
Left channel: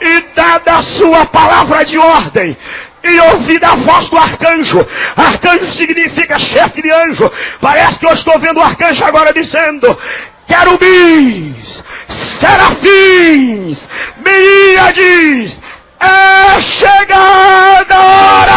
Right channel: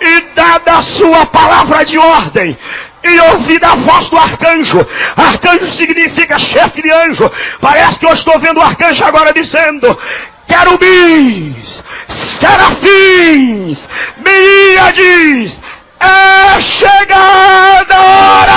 E dada a sua palavra de ordem, e ouvida a voz do arcanjo. Arcanjo significa chefe de anjo. Parece que eu estou vendo o arcanjo agora dizendo: querubins, serafins, miríades, é chegada a hora.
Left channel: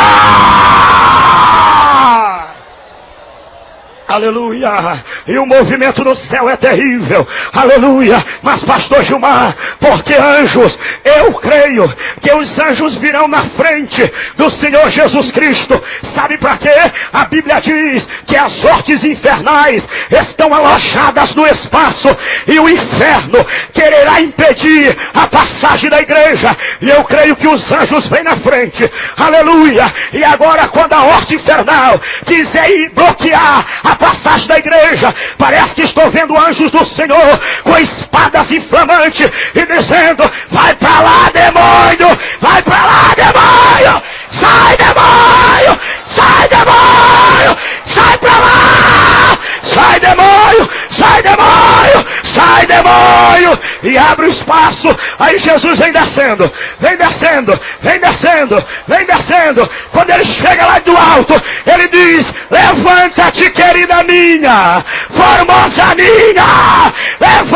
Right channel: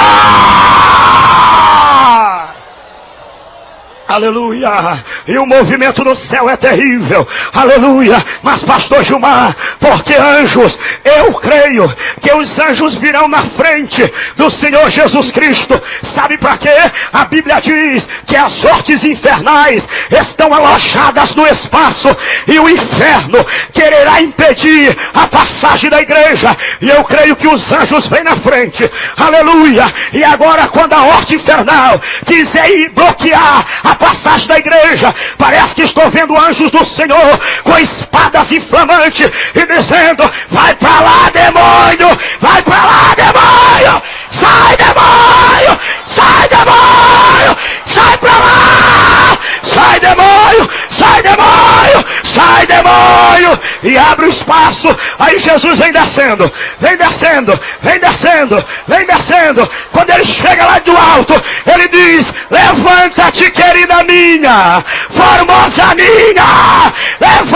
Aleluia. E o movimento no céu é terrível. Aleluia. Mas pastor Gilmar, porque anjos, eu creio que os anjos virão na frente do Senhor Jesus Cristo. Sabe para quê? A Bíblia diz que as hortes infernais estão alojadas no espaço, e o inferno quererá impedir a passagem da igreja. E eu creio que os anjos vêm na frente. Aleluia. E agora, quando a horte infernal quiser bloquear a passagem da igreja, parece que estou vendo anjos do Senhor com espadas inflamantes e dizendo: vai para lá, demônio, vai para lá, demônio, sai, demônio, sai, demônio, sai para lá, sai, demônio, sai, demônio, sai, demônio, e abre o espaço. Aí Jesus vem descendo, vem descendo, vem descendo, vem descendo. Quando ele chega lá do alto, ele diz: levanta-te, querida minha, formosa minha, levanta